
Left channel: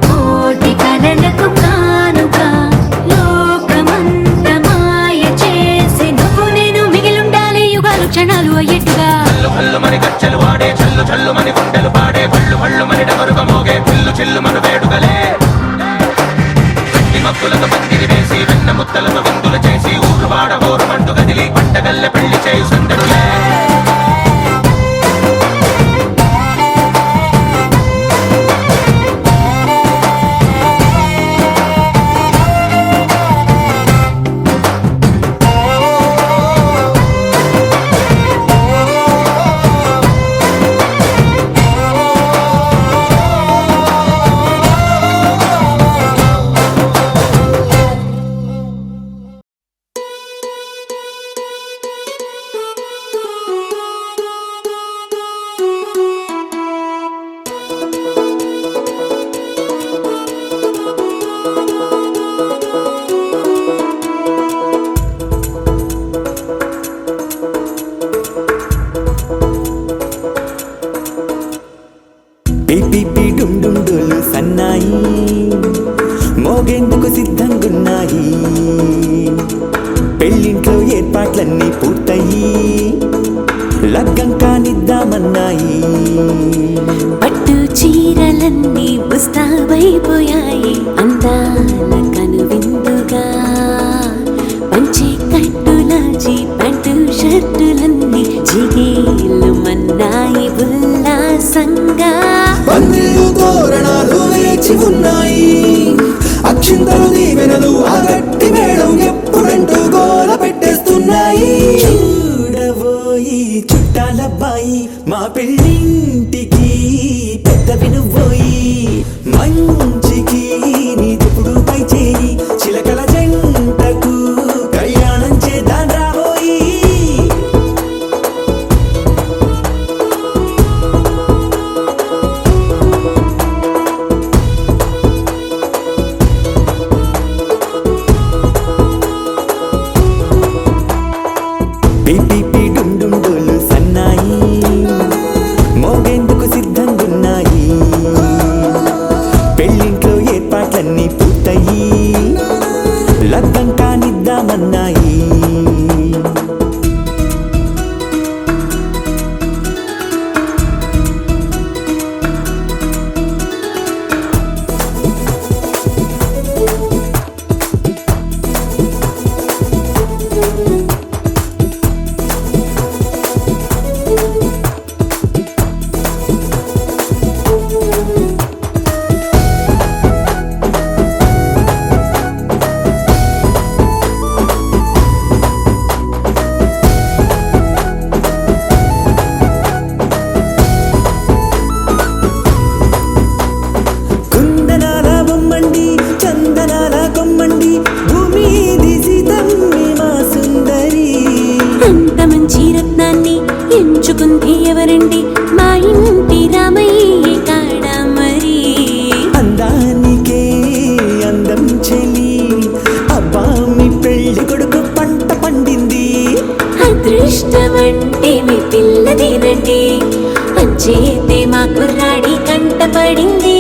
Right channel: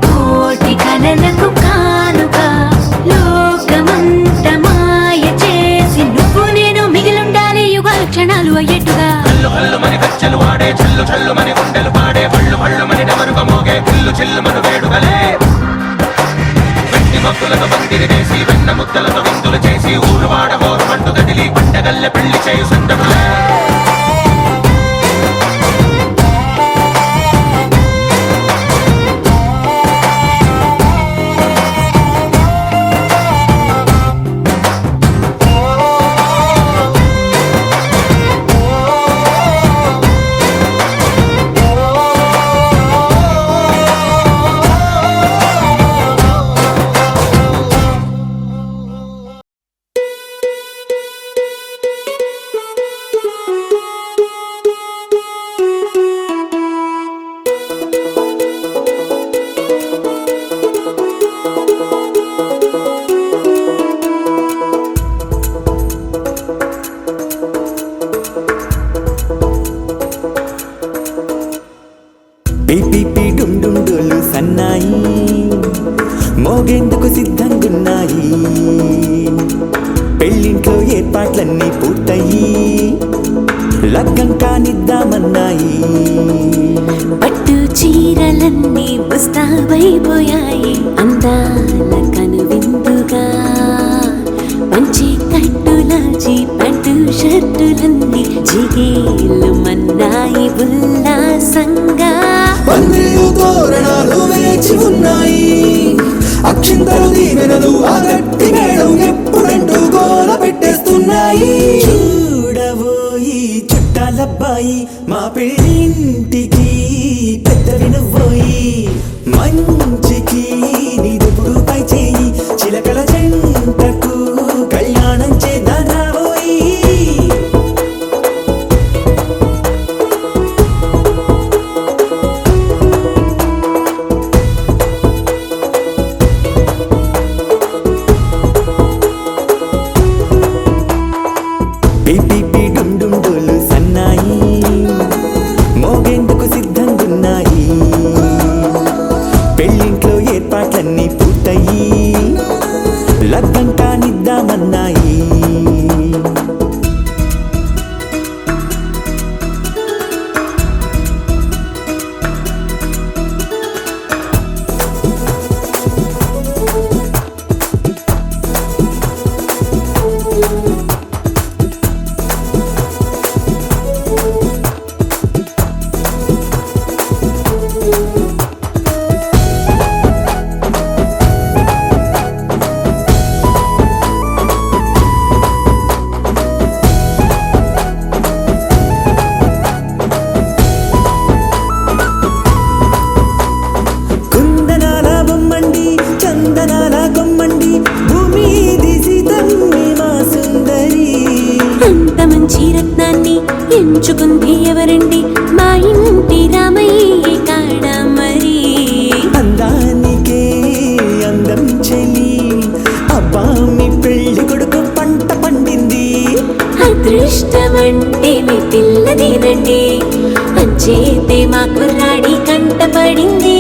కోటి కలలకు కానుక లోకమంత మాయ చేసి నువ్వు నేను మిగిలుండాలి యుగాలు క్షణాలు ఎట్లా కల్లు కల్లు మని గజ్జలు వాడే చల్లు చల్లు మని గుండెలు పాడే పళ్ళు పళ్ళు మని డమరుగ మోగే చిల్లు చిల్లు మను వేడుకలే వెండి మబ్బులతో పందిరి వేసి వెన్న ముద్దలతో విందులు చేసి ఊరు వాడ హోరు మంటు గదిలి పంటగల్లె పెళ్లి చేయు సందడులే పిపి డుండుండులు సన్నాయి మోగేందుకు సిద్ధంగున్నాయి పెళ్ళింట్లో ఏర్పాట్లన్నీ పూర్తయి లగ్గం కానిద్దామన్నాయి పట్టు చీరలన్నీ ముస్తాబైపోయాయి అందాల కనువిందుగా పంచి కట్టులాచి ప్యాంటు షర్టులన్నీ జిగేలు మన్నాయి ఉల్లాసంగా పందిళ్ళు తోరణాలు వేచి ఉన్నాయి అక్షింతలు దీవెనలు ఆ గట్టి మేడం ఎప్పుడంటూ గోల పెట్టేస్తున్నాయి చూడబోయి చుట్టాలబ్బాయి మా పెళ్ళింటికి పెద్ద వినుబోయి మంచికి ఇప్పుడు పై చేయి చిలకల జంటకు కళ్యాణం చేద్దాం రాబోయి ఉంచుకుంది ఎవరండి మా ఇంటి రామయ్య కాడ మరి అందానికే అందం చెలి అబ్బా మీ పెళ్లి కొడుకు పంట పండింది అదృష్టమంటే మీ పిల్లదేనండి అంచేతే మా కుర్రాడి కంట పడింది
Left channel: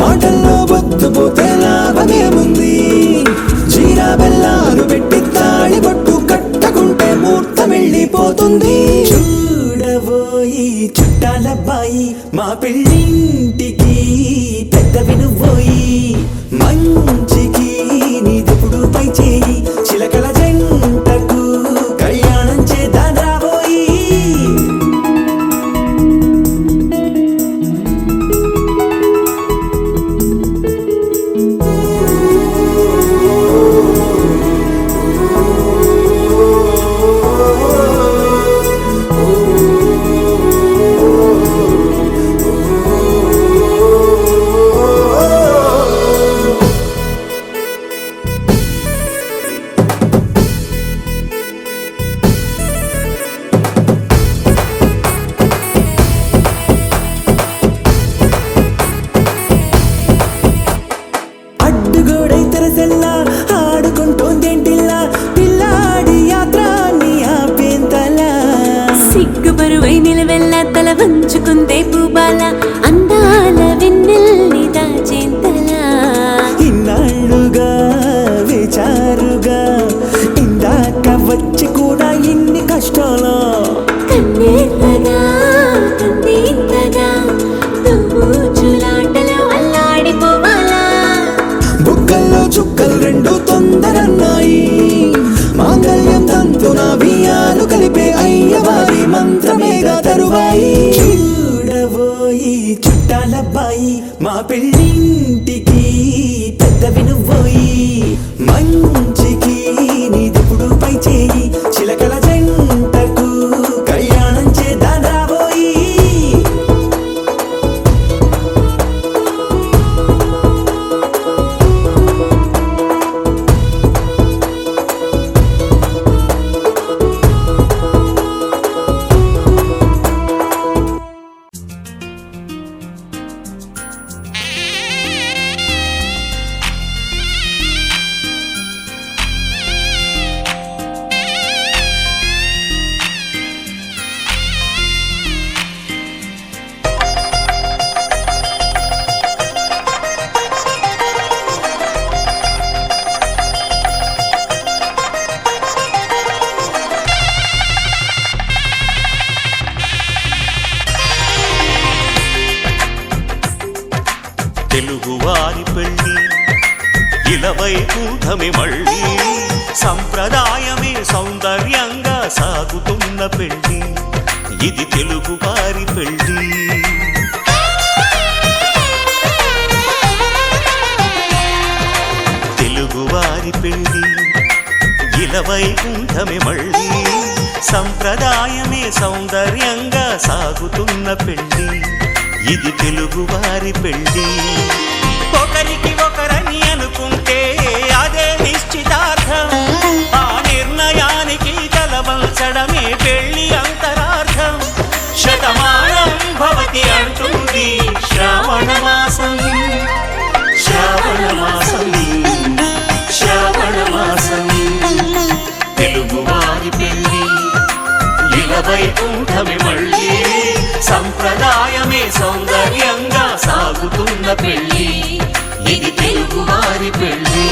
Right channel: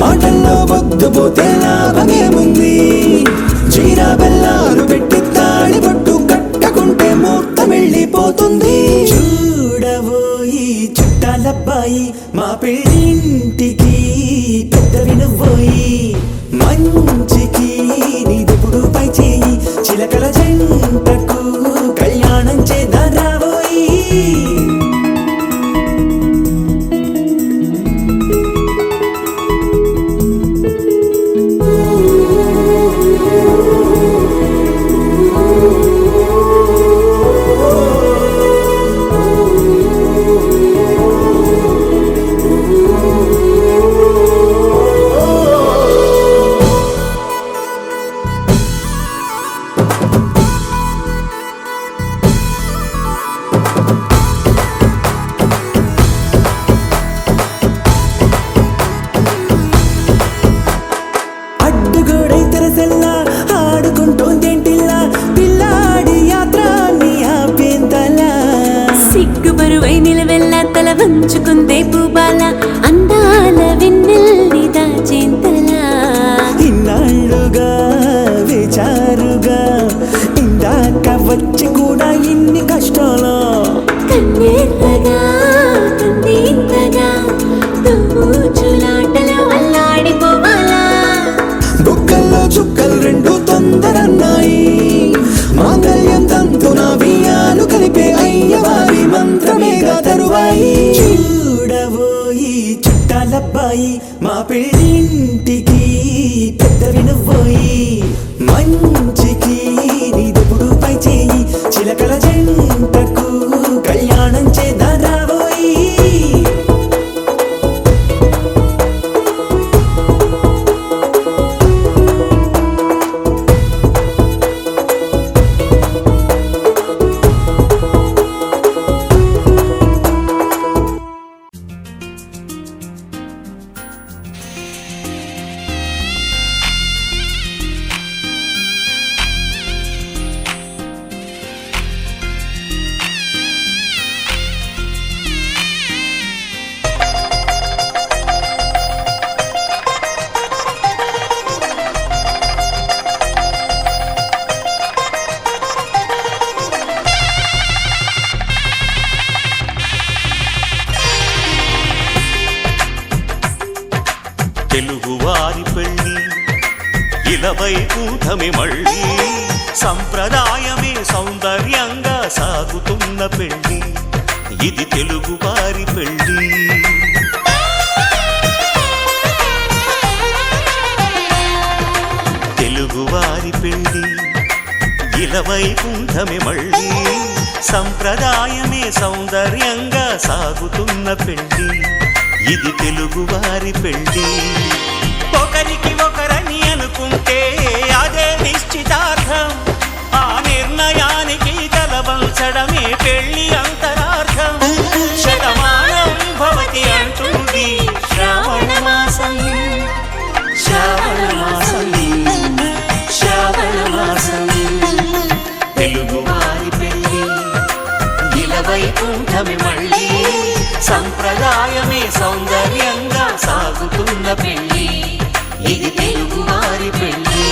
మాటల్లో బొద్దుపోతే లాభమేముంది జీరా బెల్లాలు పెట్టి తాళి పట్టు కట్టకుంటే ముహూర్తం వెళ్ళిపోతుంది చూడబోయి చుట్టాలబ్బాయి మా పెళ్ళింటికి పెద్దవి నువ్వోయి మంచికి నీదిప్పుడు పై చేయి చిలకల జంటకు కళ్యాణం చేద్దాం రాబోయి అడ్డుగోడై తెరసెల్లా ఆడుకుంటోందేంటిల్లా పిల్లాడి యాత్ర నీ ఆపేంతలా సిగ్గుబరువై నిలవెల్లా తల వంచుకుందే పూబాల అందాల వెన్నెల్ని దాచేంతలా ఇన్నాళ్ళుగా వేచారుగా ఇందాక వచ్చి కూడా ఇన్ని కష్టాలా కన్నెర్రగా కందింతగా తుమ్ముచులాటలో అల్లాడిపోవాలా బుక్కల్లో చుక్కలు రెండు తొందరన్నాయి మాంగళ్యం తంతున బియ్యాలు కలిపే అయ్యవారి మంత్రమేగా తరువాయి చూడబోయి చుట్టాలబ్బాయి మా పెళ్ళింటికి పెద్దవి నువ్వోయి మంచికి నీదిప్పుడు పై చేయి చిలకల జంటకు కళ్యాణం చేద్దాం రాబోయి తెలుగువారి పెళ్ళి ఇలవైకుంఠమే మళ్ళీ సంప్రదాయమే సౌందర్యంగా సాగుతున్న పెళ్ళి ఇది తెలుగువారి పెళ్ళి తెలుగువారి పెళ్ళి ఇలవైకుంఠమే మళ్ళీ సంప్రదాయమే సౌందర్యంగా సాగుతున్న పెళ్ళి ఇది తెలుగువారి పెళ్ళి ఒకరికి ఒకరని అనుకుంటే అదే నిశ్చితార్థం ఆ నిర్ణయానికి తలవంచడమే పెళ్ళి అంతరార్థం శతమానం భవతి అంటుంది శ్రావణ మాసం శ్రావణ మాసం శ్రావణ మాసం తెలుగువారి పెళ్ళి ఇలవైకుంఠమే మళ్ళీ సంప్రదాయమే సౌందర్యంగా సాగుతున్న పెళ్ళి ఇది తెలుగువారి పెళ్ళి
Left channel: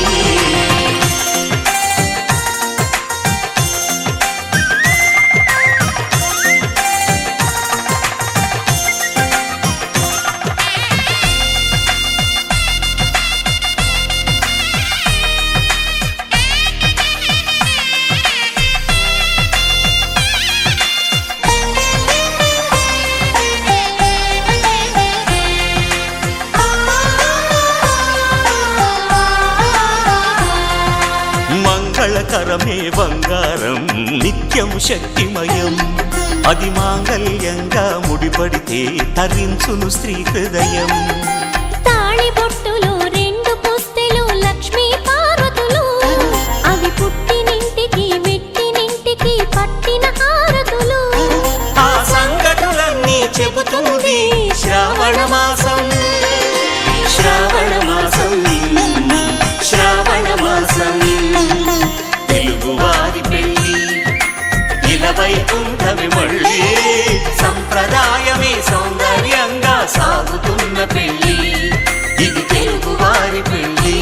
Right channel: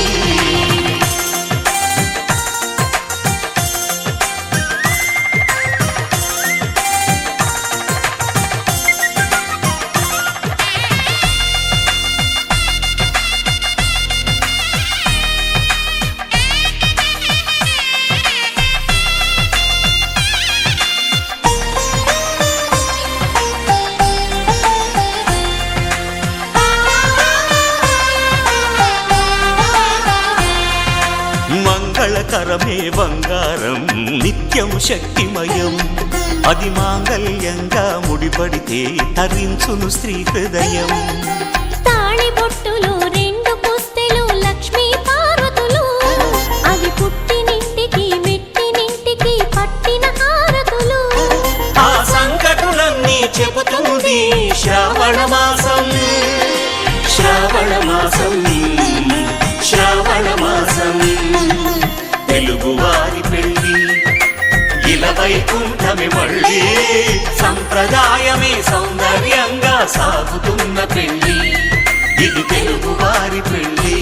మంగళకరమే బంగారం నిత్యం శక్తిమయం అది మాంగళ్యంగా ముడిపడితే తరించును స్త్రీ హృదయం తాళిబొట్టులో రెండు పుస్తెలు లక్ష్మీ పార్వతులు అవి పుట్టినింటికి మెట్టినింటికి పట్టిన హారతులు ఆ చెబుతుంది శ్రావణ మాసం శ్రావణ మాసం శ్రావణ మాసం తెలుగువారి పెళ్ళి ఇలా వైకుంఠమి మళ్ళీ సంప్రదాయమే సౌందర్యంగా సాగుతున్న పెళ్ళి ఇది తెలుగువారి పెళ్ళి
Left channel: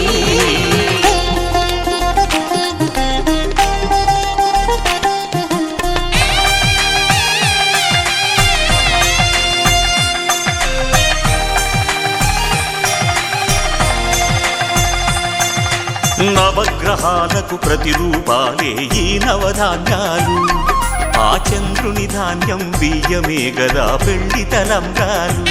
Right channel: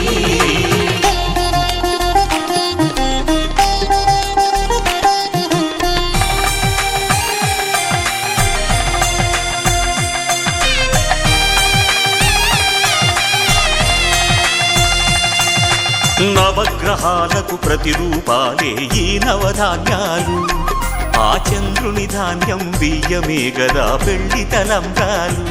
నవగ్రహాలకు ప్రతిరూపాలే ఈ నవధాన్యాలు ఆ చంద్రుని ధాన్యం బియ్యమే గదా పెళ్లి తలంబ్రాలు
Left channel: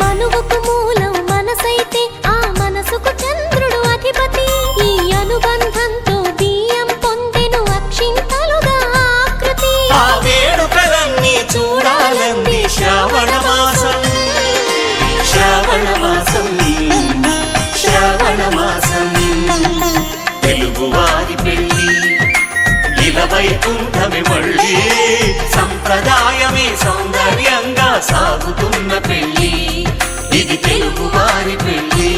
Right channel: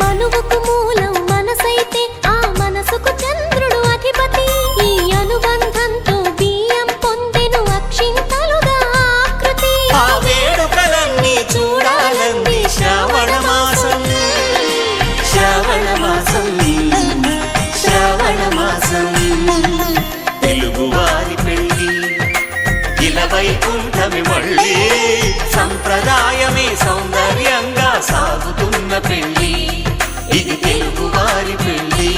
మనువుకు మూలం మనసైతే ఆ మనసుకు చంద్రుడు అధిపతి ఈ అనుబంధంతో బియ్యం పొందెను అక్షింతలుగా ఆకృతి ఆ వేడుకలన్నీ చూడాలంది శ్రావణ మాసం శ్రావణ మాసం శ్రావణ మాసం తెలుగువారి పెళ్ళి ఇలా వైకుంఠమి మళ్ళీ సంప్రదాయమే సౌందర్యంగా సాగుతున్న పెళ్ళి ఇది తెలుగువారి పెళ్ళి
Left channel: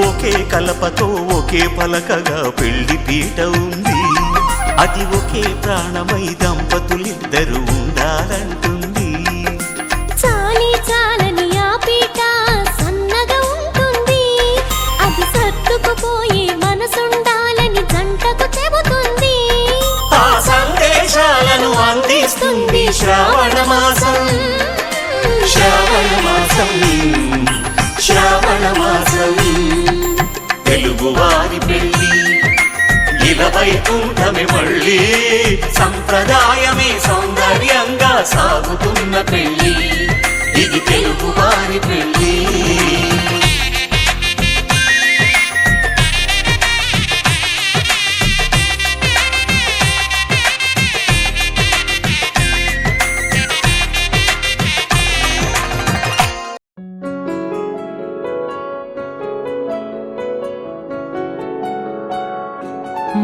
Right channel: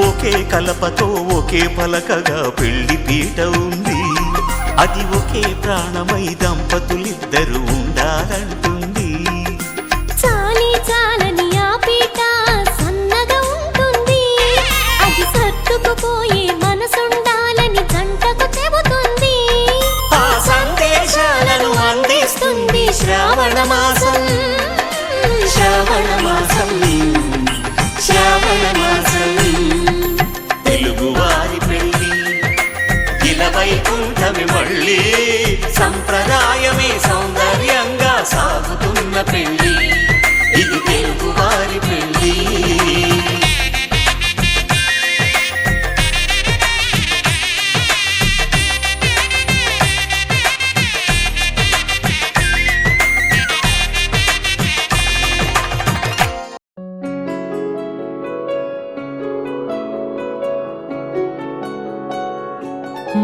ఒకే కలపతో ఒకే పలకగా పెళ్లి పీట ఉంది అది ఒకే ప్రాణమై దంపతులిద్దరు ఉండాలంటుంది చాలి చాలని ఆ పీట సన్నగా ఉంటుంది అది సర్దుకుపోయే మనసుండాలని జంటకు చెబుతుంది ఆ సందేశాలను అందిస్తుంది శ్రావణ మాసం శ్రావణ మాసం శ్రావణ మాసం తెలుగువారి పెళ్ళి ఇలా వైకుంఠమి మళ్ళీ సంప్రదాయమే సౌందర్యంగా సాగుతున్న పెళ్ళి ఇది తెలుగువారి పెళ్ళి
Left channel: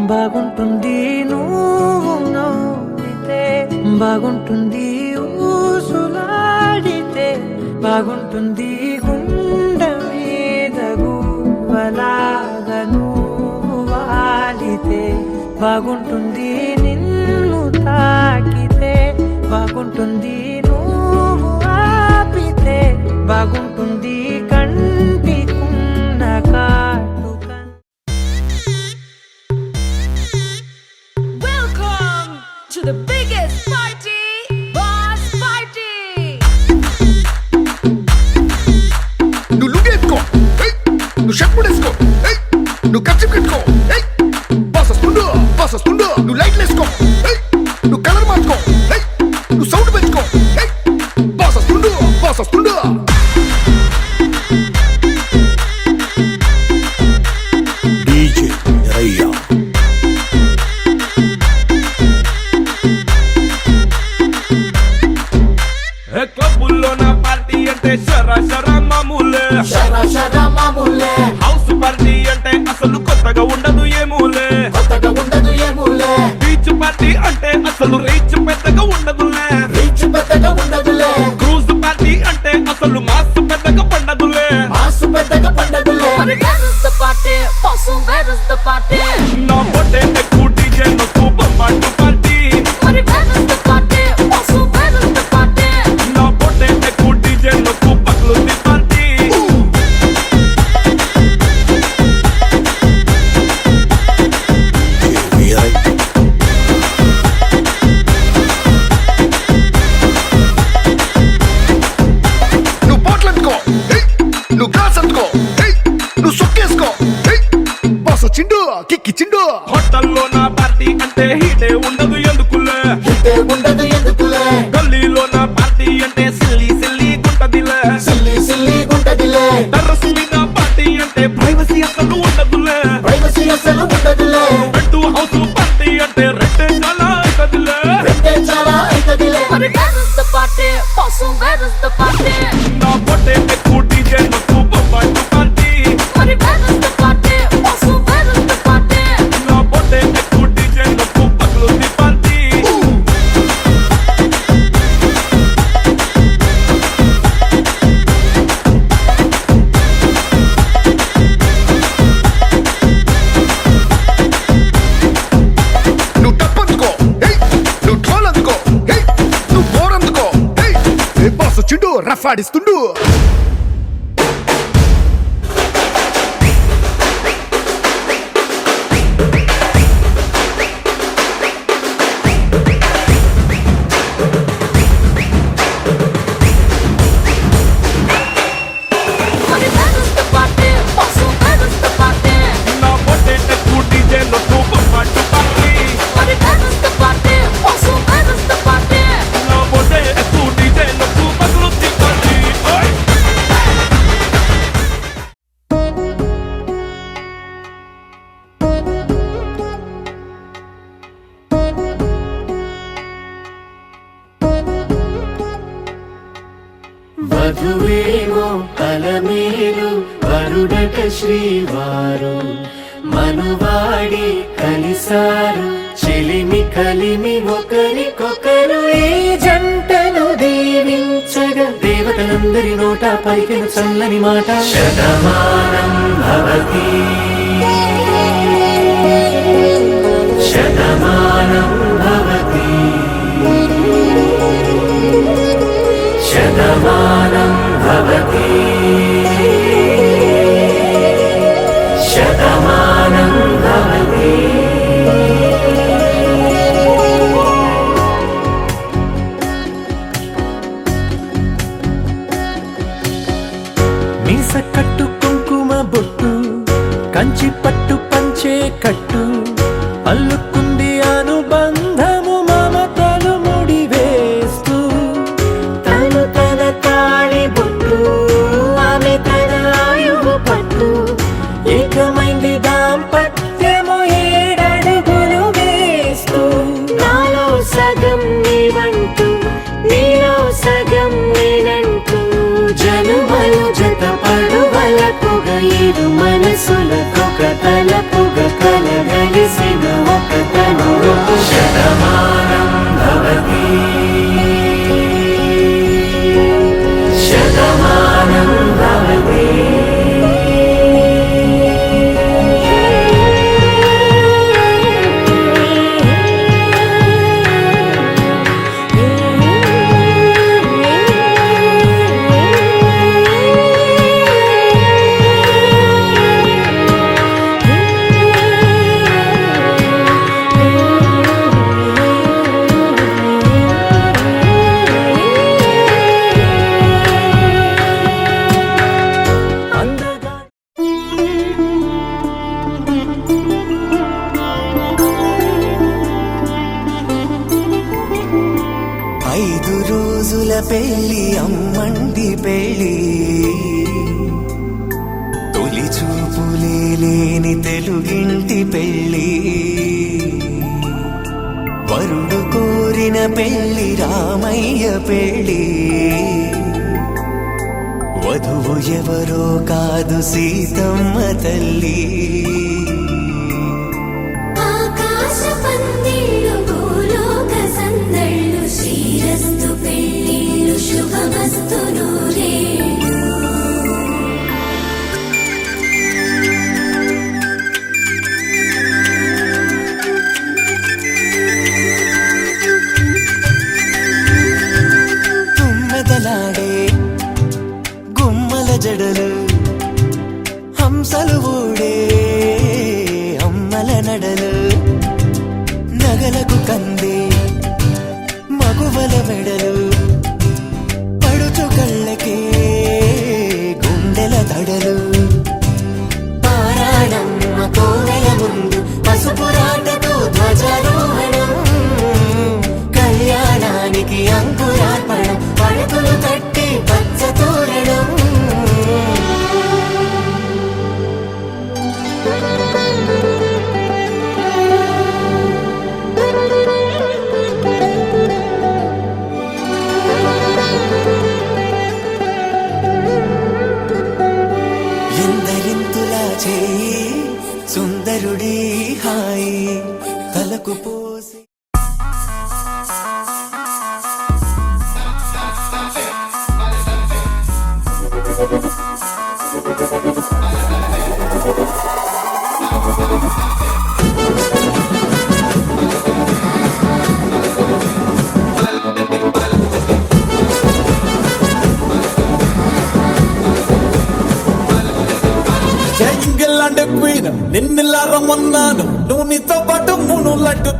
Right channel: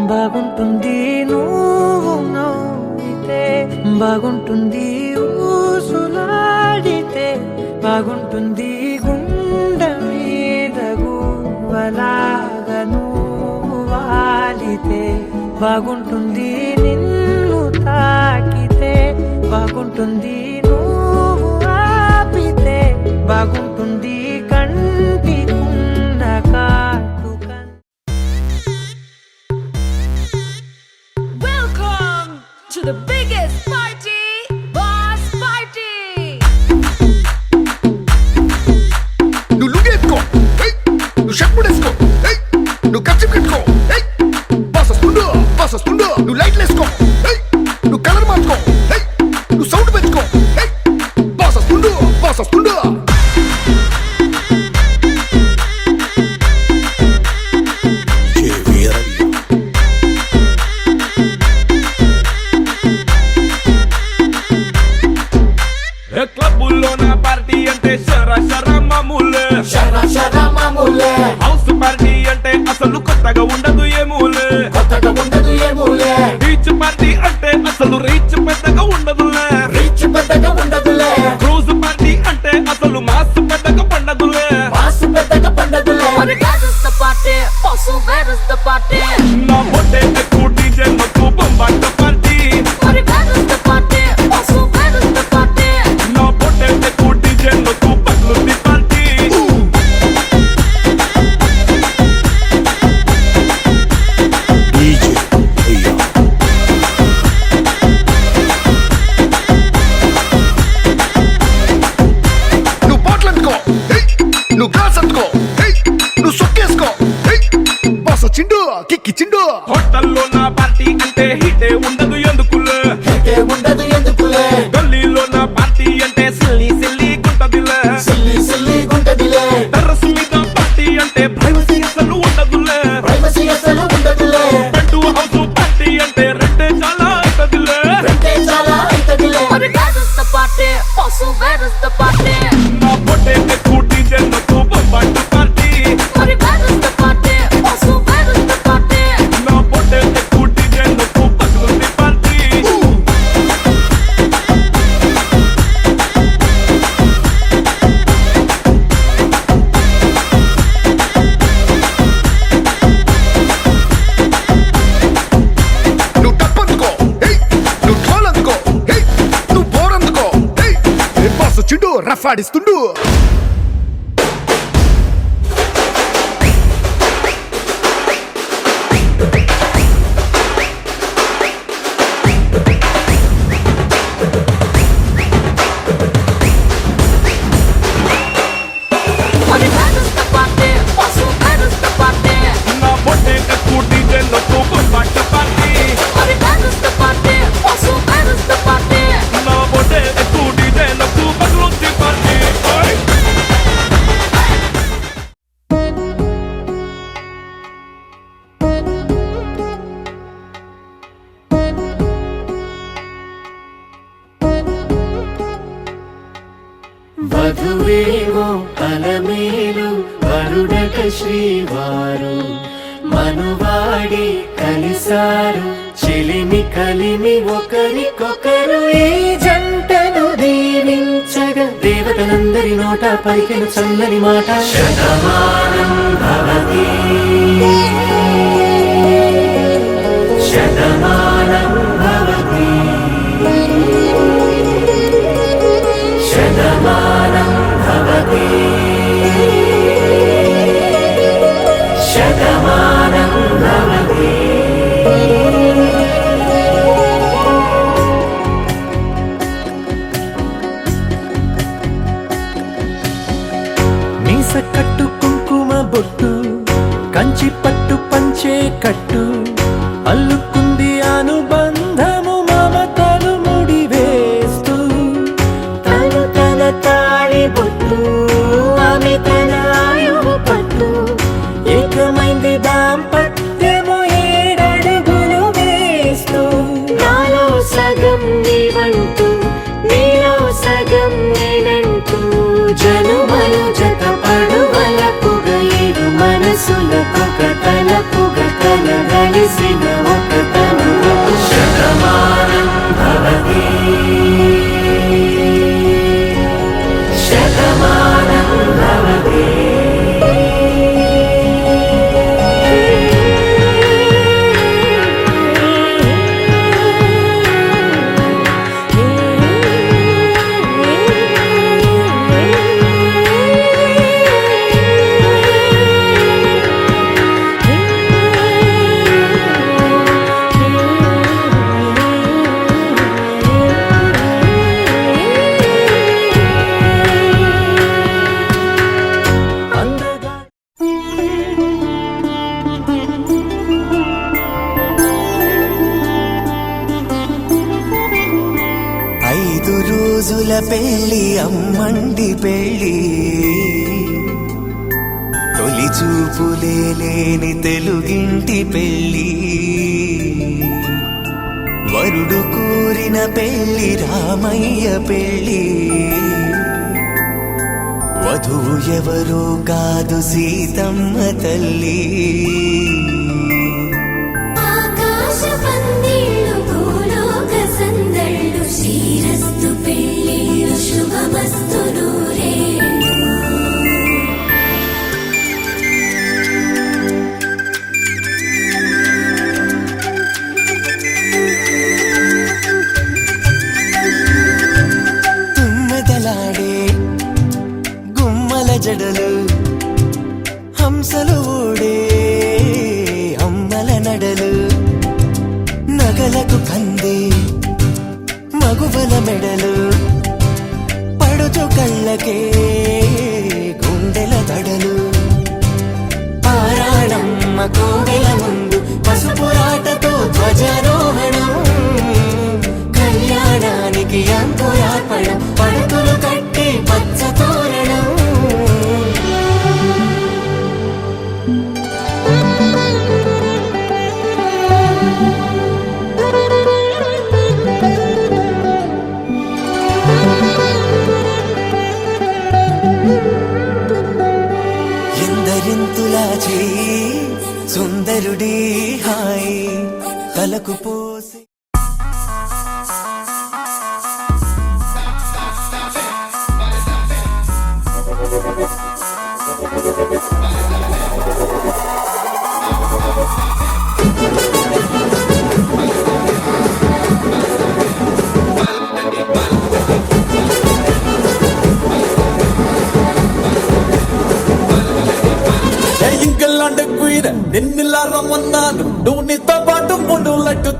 బాగుంటుంది నువ్వు నవ్వితే బాగుంటుంది ఊసులాడితే బాగుంటుంది గుండె మీద గువ్వలాగా నువ్వు వాలితే బాగుంటుంది నిన్ను తాకితే బాగుంటుంది నువ్వు ఆపితే బాగుంటుంది కంటికున్న కాటుక To the biggest party, Boss Party! నువ్వు లుగేసుకో నువ్వు షర్ట్ ముడేసుకో నువ్వు కచ్చి కట్టుకో బాస్ వస్తుండు నువ్వు లైట్లు వేసుకో నువ్వు కలర్ మార్చుకో నువ్వు సౌండ్ పెంచుకో బాస్ వస్తుండు డీజే వీరయ్య క్లబ్బుల్లో నా పార్టీ అంటే షర మామూలే హౌస్ పార్టీ అంటే అసలు కొత్తగా ఉండదు ఏమూలే బీచ్ పార్టీ అంటే అసలు రీచ్ పెద్దగా ఉండదులే క్రూజ్ పార్టీ అంటే అసలు మాస్ పెద్దగా పండదులే But where is the party? Also, where is the party? నా బొట్టే ఎక్కువ డీజే నొక్కు బొమ్మాట party But where is the party? Also, where is the party? నా బొట్టే ఎక్కువ డీజే నొక్కు పట్లుంది పార్టీ డీజే వీరయ్య నువ్వు బాటిల్ అందుకో నువ్వు గ్లాస్ అందుకో నువ్వు సొక్కేసుకో బాస్ వచ్చిండు కిక్కిచ్చిండు హోటల్లో నా పార్టీ అంటే హీటే ఉండదు ఎందుకులే గల్లీలో నా పార్టీ అంటే సిల్లి గుంటదిలే టెర్రస్ మీద పార్టీ చిండు రఫ్ ఆడిస్తుండు. మరి balance party pass balance party నా బొట్టే ఎక్కువ డీజే నొక్కు పట్టు పార్టీ మరి balance party pass balance party నా బొట్టే ఎక్కువ డీజే నొక్కు పగులొచ్చి పార్టీ ఓయ్ వధువేవో అలమేలు వరుడట శ్రీవారు మనువాడి కలిసారు చెలిమి కలిమి ఒకరికొకరు ఈ జంటను దీవించగా దేవతలందరి నోట పలికిన చల్లని మాట శతమానం భవతి శతమానం భవతి శతమానం భవతి శతమానం భవతి. మీస కట్టు కుంకుమ బొట్టు కంచి పట్టు పంచే కట్టు అల్లుకుంది అనుబంధము మమతలు ముడివేస్తూ తను తన తాళి బొట్టు ఆమె తన ఆయువు పట్టు ఏకమైంది దాంపత్యము 7 అడుగులు వేస్తూ నాలో సగం నీవంటూ నీలో సగం నేనంటూ జనుమలు జత పడువలపుగ ఇరు మనసులకొక తలపుగ కలగలిసిన ఒక తను శతమానం భవతి శతమానం భవతి. రోజుల పెళ్లి అమ్మండి పెళ్లి తొలి చూపులే లేని తెలుగింటి పెళ్లి వరుడు కోరిన పెళ్లి రామయ్య పెళ్లి వధువు ఎవరో కాదు సీతమ్మ తల్లి ఆకాశ పందిళ్ళు భూలోక సందళ్ళు శ్రీరస్తు పెళ్ళిళ్ళు శుభమస్తు నూరే తుమ్మెదలాడే గుమ్మల జడలు హంసలు ఓడే అమ్మల నడలు నగలకు కంది మగువల మెడలు పడుచు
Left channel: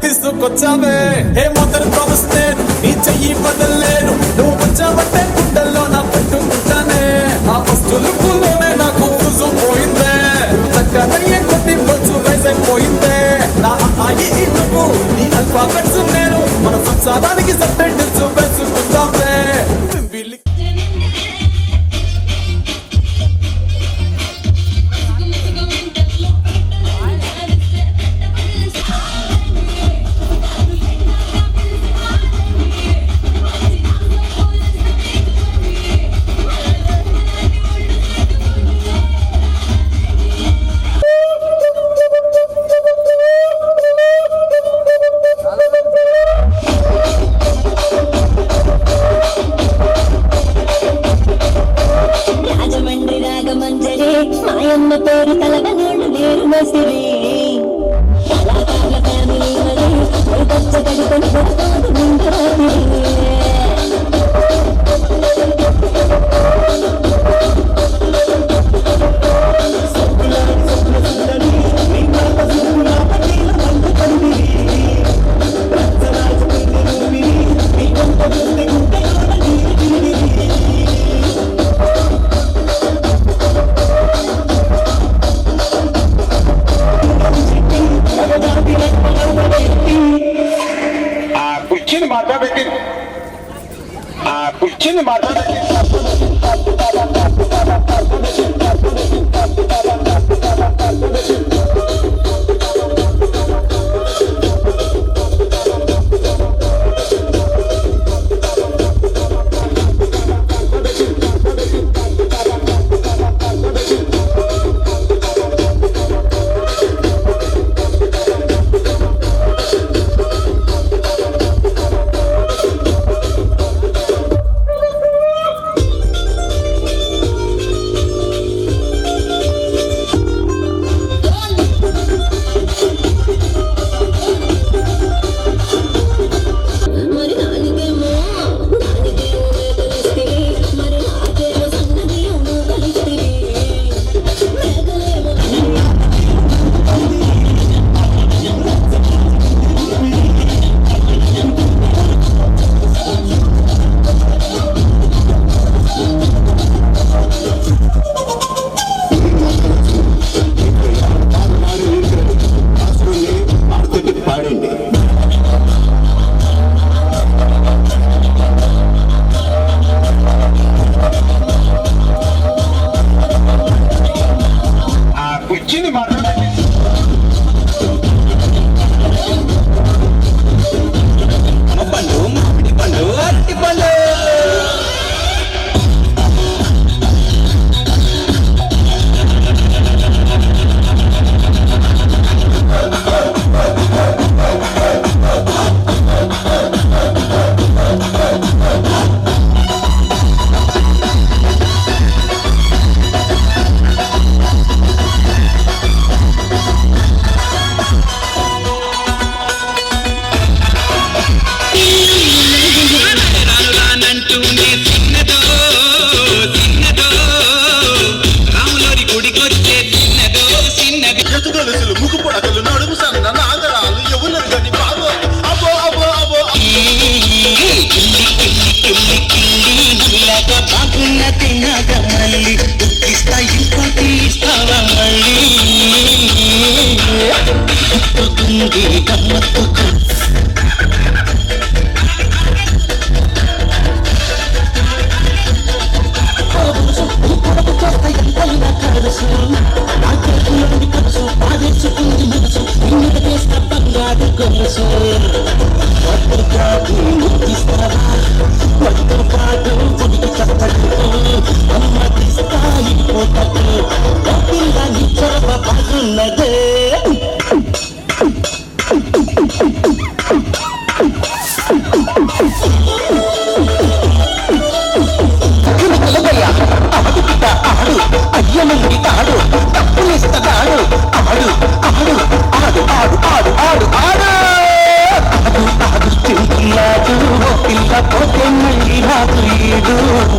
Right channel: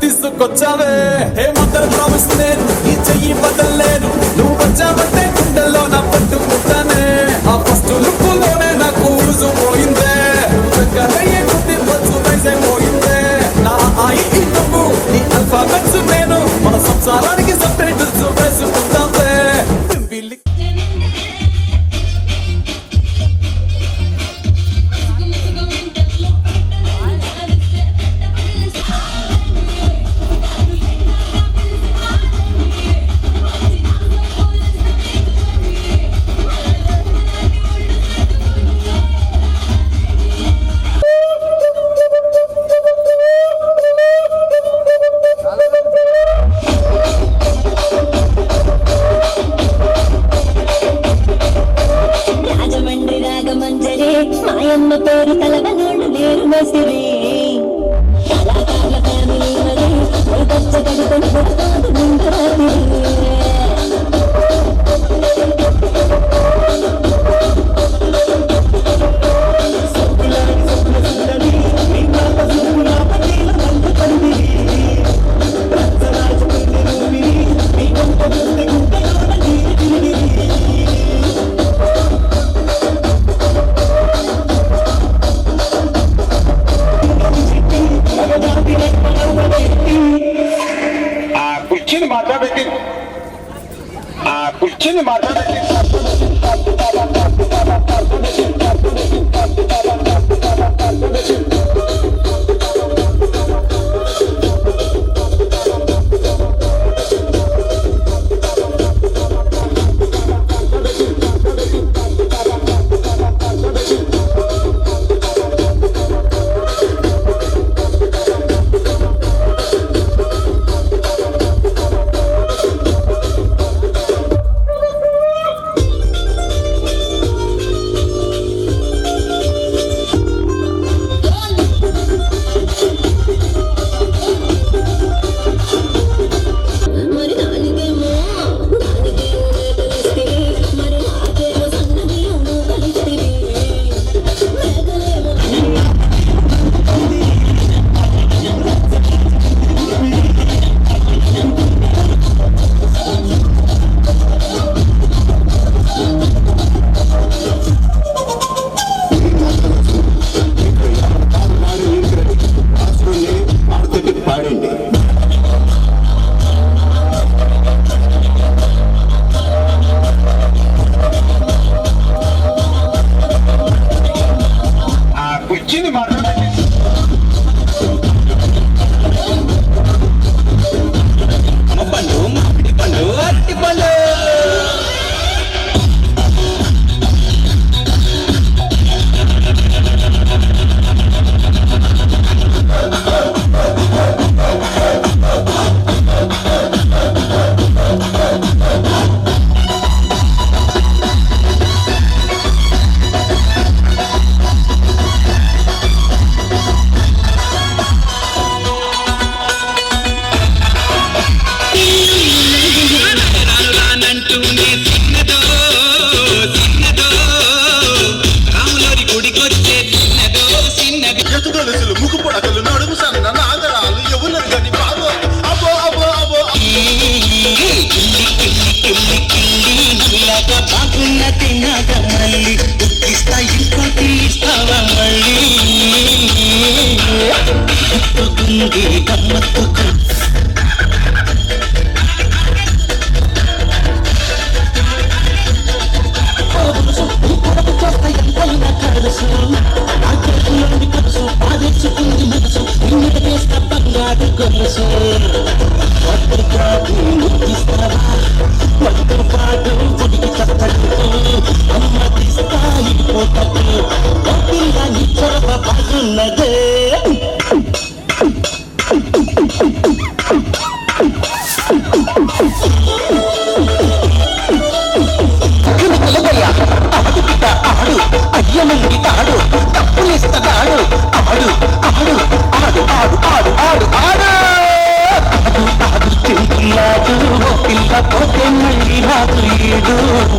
తీసుకొచ్చావే ఏ మొదలు ప్రామిస్తే నీ చెయ్యి వదలలేరు నువ్వు వచ్చావంటే గుండెల్లో నా పట్టు ఉంటానే ఆ ఫస్ట్ లుక్కులోనే నాకు ఊసు పోయిందే చక్కనయ్యే కొద్ది మంచు వేసైపోయిందే నా ఆయి లుక్కు నీ అల్ఫాబెట్స్ నేను మన సంసారానికి సబ్టైటిల్స్ వేసుకుందామే రాజమండ్రి రాగమంజరే మాయమ్మ పేరు తలవనోళ్ళు లేరు మసిరే కళాకారుల ఫ్యామిలీ మరే పచ్చగడి కొని కొడుతోంది నిండు రాత్రి కుర్చీని మాట్లాడబెట్టి కుర్చీని మాట్లాడబెట్టి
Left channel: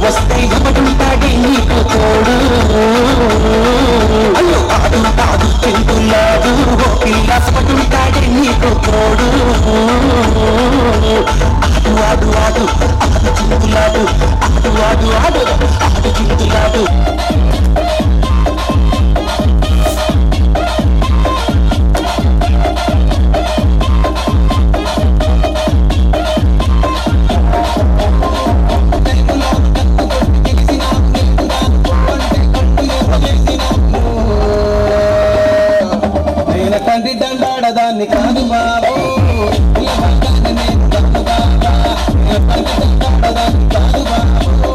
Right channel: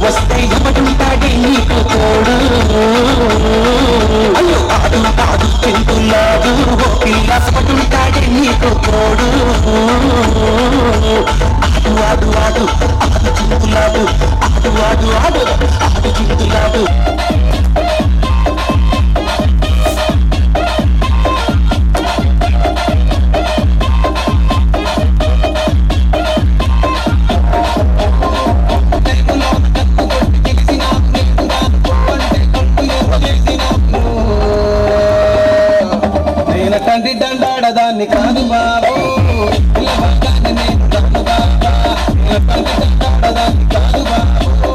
వస్తే ఎవడుంటాడే నీకు తోడు అయ్యో ఆడు ఆడు తింటున్నాడు ఓ పిల్ల పటుంటాడే నీకు తోడు ఆడు ఆడు ఆడు చింతులాడు ఆడు ఆడు ఆడు ఆడు చింతులాడు తండ్రి దండాడదాన్ని కాదు బాబు దండాడదాన్ని కాదు బాబు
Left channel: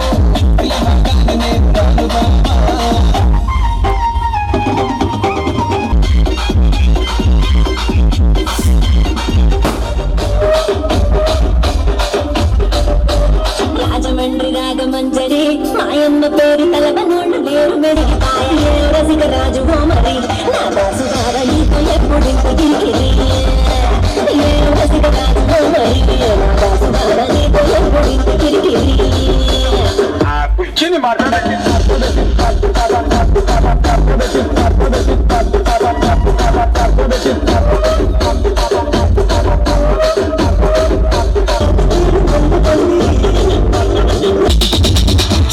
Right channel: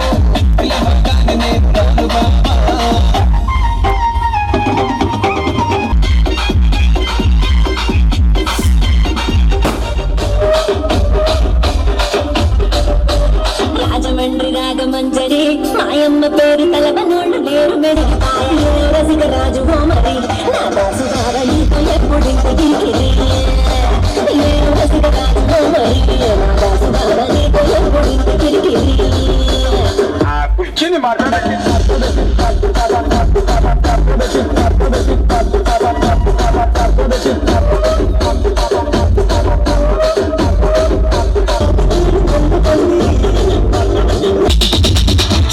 నేను కాదు బాబా రాజమండ్రి రాగమంజరి మాయమ్మ పేరు తలవనోళ్ళు లేరు మెడికి తాయలేరు రసిక రాజు మరి నా దాసు బావ నీతో ఎప్పుడింత గిరికిరి లేరు రసిక రాజు మరి నా దాసు బావ నీతో ఎప్పుడింత గిరికిరి కూర్చుని మాట్లాడండి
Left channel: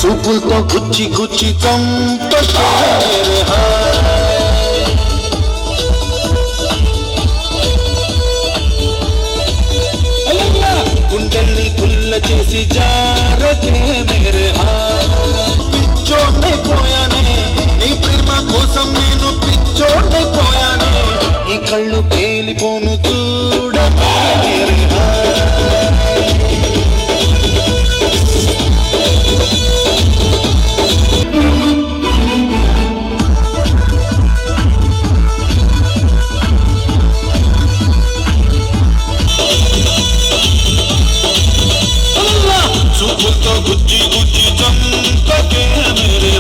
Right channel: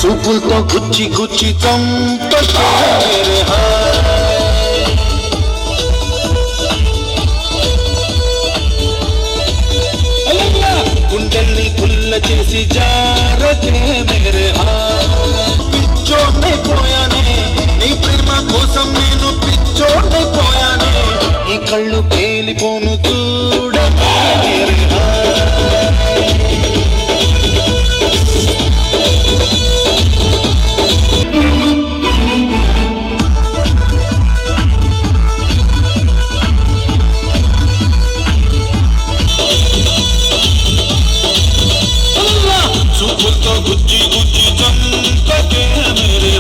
చూపులతో గుచ్చి గుచ్చి గుండెల్ని గుల్ల చేసి జారకే మేరే పిచ్చోడైపోయానే నీ ప్రేమ కోసం నేను పిచ్చోడైపోయానే ఈ కళ్ళు పేలిపోను చూడకే మేరే చూపులతో గుచ్చి గుచ్చి చంపకే మేరే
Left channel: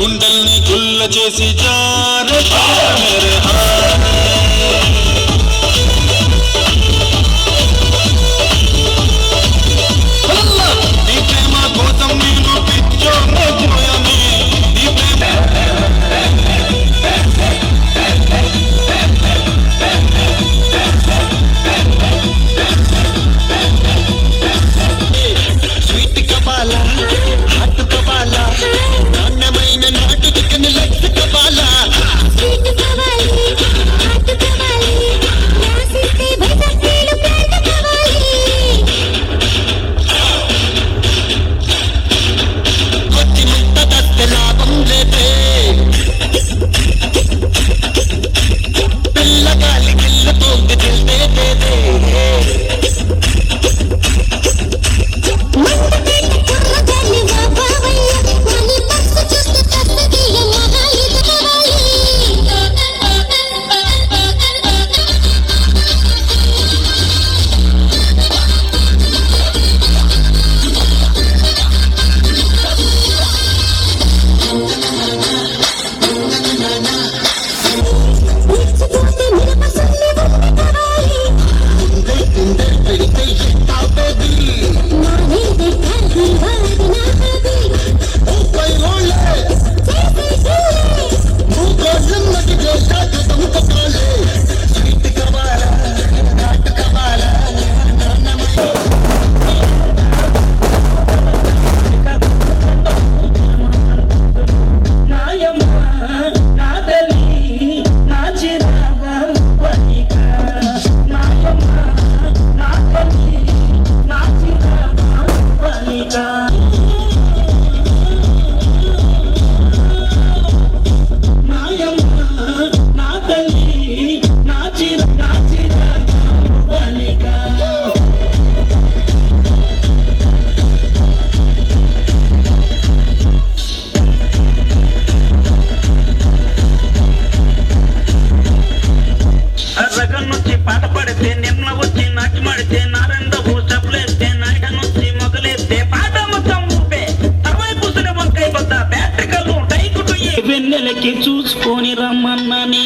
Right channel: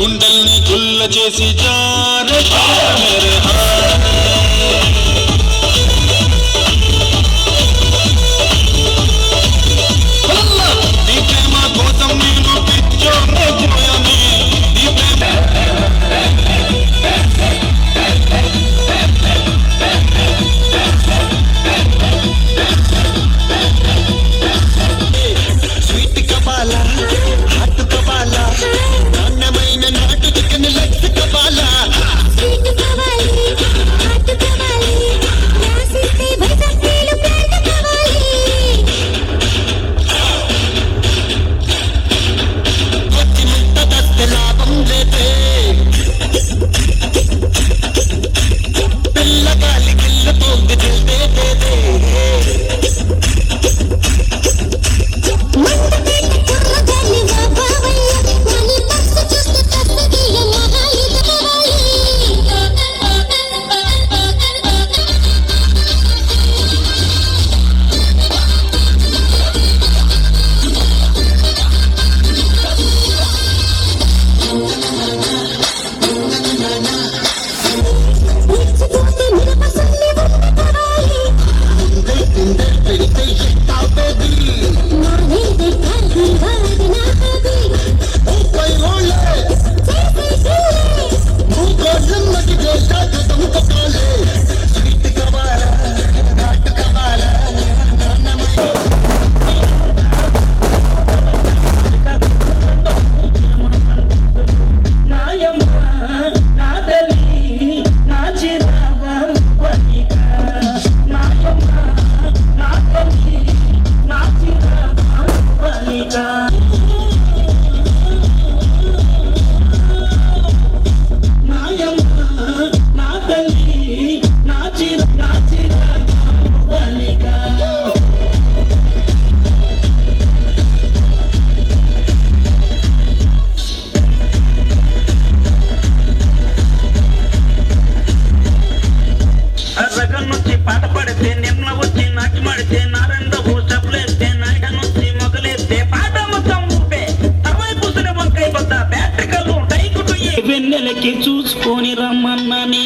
గుండెల్ని గుల్ల చేసి జారకే మేరే నీ ప్రేమ కోసం నేను పిచ్చోడైపోయానే నీ ప్రేమ స్వీట్ కబాలా హాట్ కబాలా నాణ్యమైన నాటు చికెన్ లెగ్ కబాలా స్వీట్ కావాలి హాట్ కావాలి రాసిస్తే భయపడేలు ప్రేమ కావాలి కొద్ది ముట్ట దస్తే లాభం లేదే పిల్లగాలి గిల్ల పోగి దిల్దే దేదే రగన్నొచ్చి పాట పడితే నిమ్న వచ్చి నాటి మాడితే నారంద చెప్పులేస్తే నాయకనొచ్చి మొదలెత్తే పాట మొత్తం ఊపే తవై పూసిన వంకాయ బద్ద బ్యాటకలు టైకుటు వెన్నెలకి చూసుకొని రమ్మన్నానే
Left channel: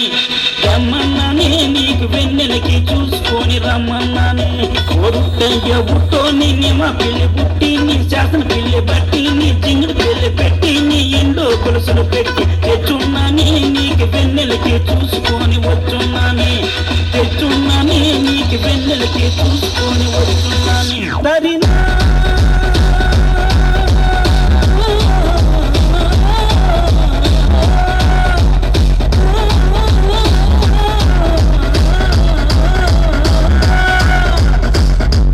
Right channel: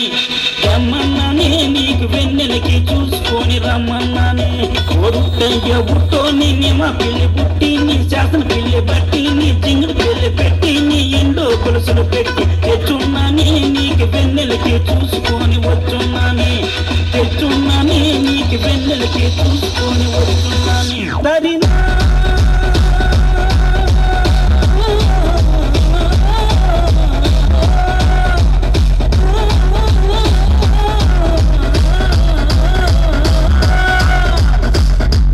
రమ్మన్నానే నీకు వెన్నెలకి చూసుకొని రమ్మన్నానే కోరుతయ్య బుట్టోని నిమ పిల్లి పుట్టి నీ శాసన పిల్లి బట్టి నీ జింగుడు పిల్లి పెట్టి నీ ఇండో కొలుసులు పెట్టి తెచ్చున్న చూసుకొని వచ్చున్నానే తెచ్చున్నానే నీకు వెన్నెలకే చూసుకొని వచ్చున్నానే దరినా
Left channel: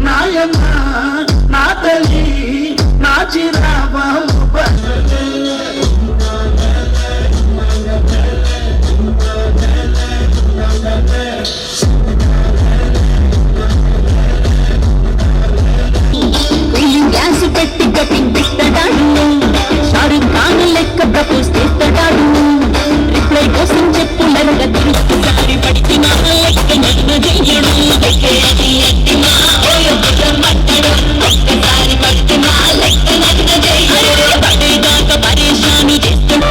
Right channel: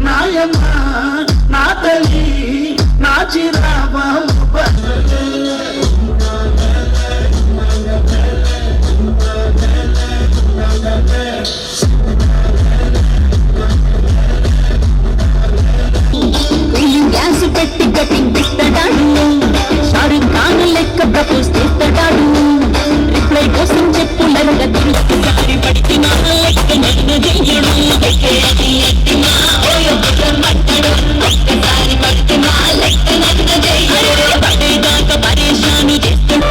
నాయమ్మ నా తల్లి నా చిరాబాబు గ్యాస్ పెట్టి కటింగ్ పెట్టడాడు షారుఖ్ ఖాన్ లెక్క ప్రపోజ్ చేస్తాడు రిప్లై కోసం చెప్పులరగ తిరుగుతారి పడినా లెక్క నన్ను చెయ్యడు ఒక్కసారి పడినా లెక్క నన్ను చెయ్యడు పడేదాకా పరేషాను చేస్తాడు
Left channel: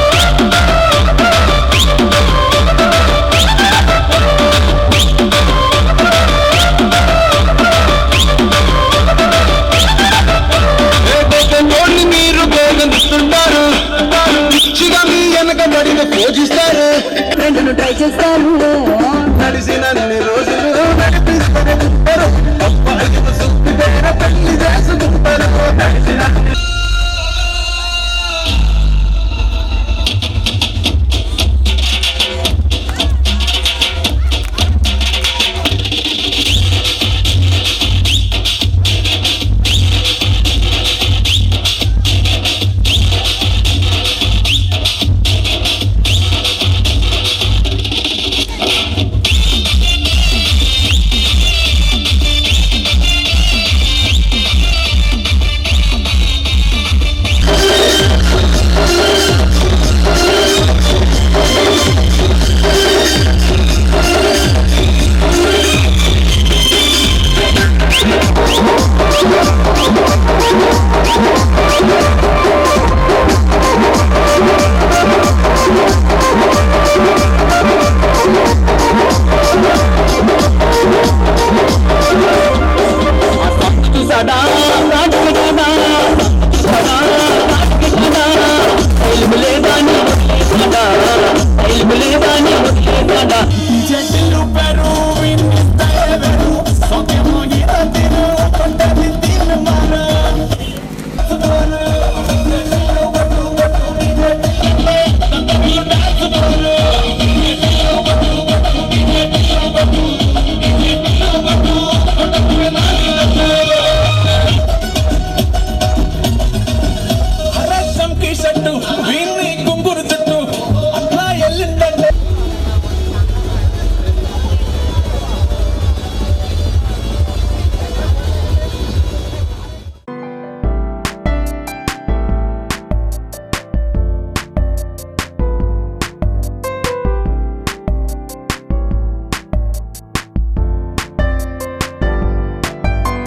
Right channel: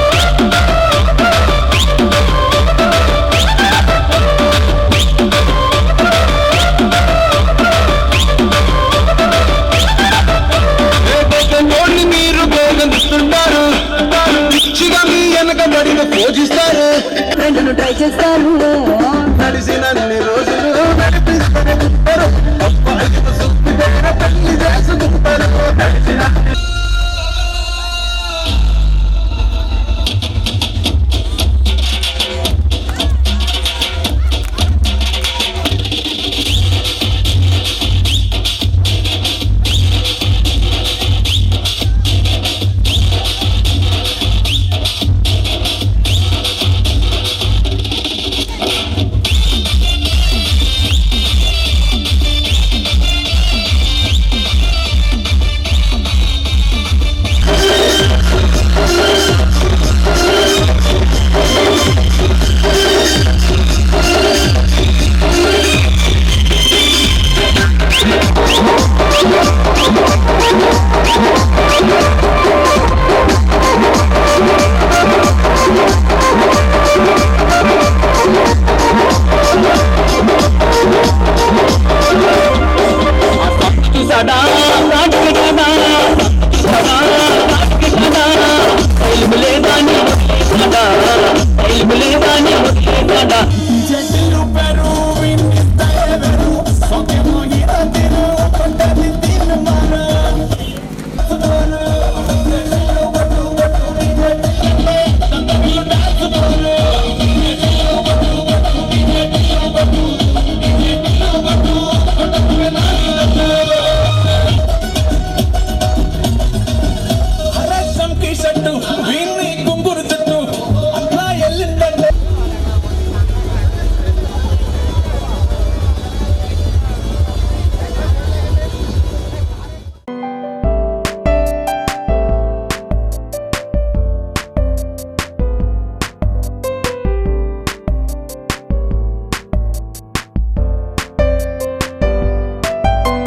మీరు గోగనిస్తుంటారు పిచ్చిగా మీ వెనకబడిన పూజిస్తారు ఫ్రెండ్ను ట్రై చేస్తారు నడిచినన్ని రోజులు నడిపిస్తారు అబ్బాయికి సుత్తి పెళ్లి చేసుకుంటారు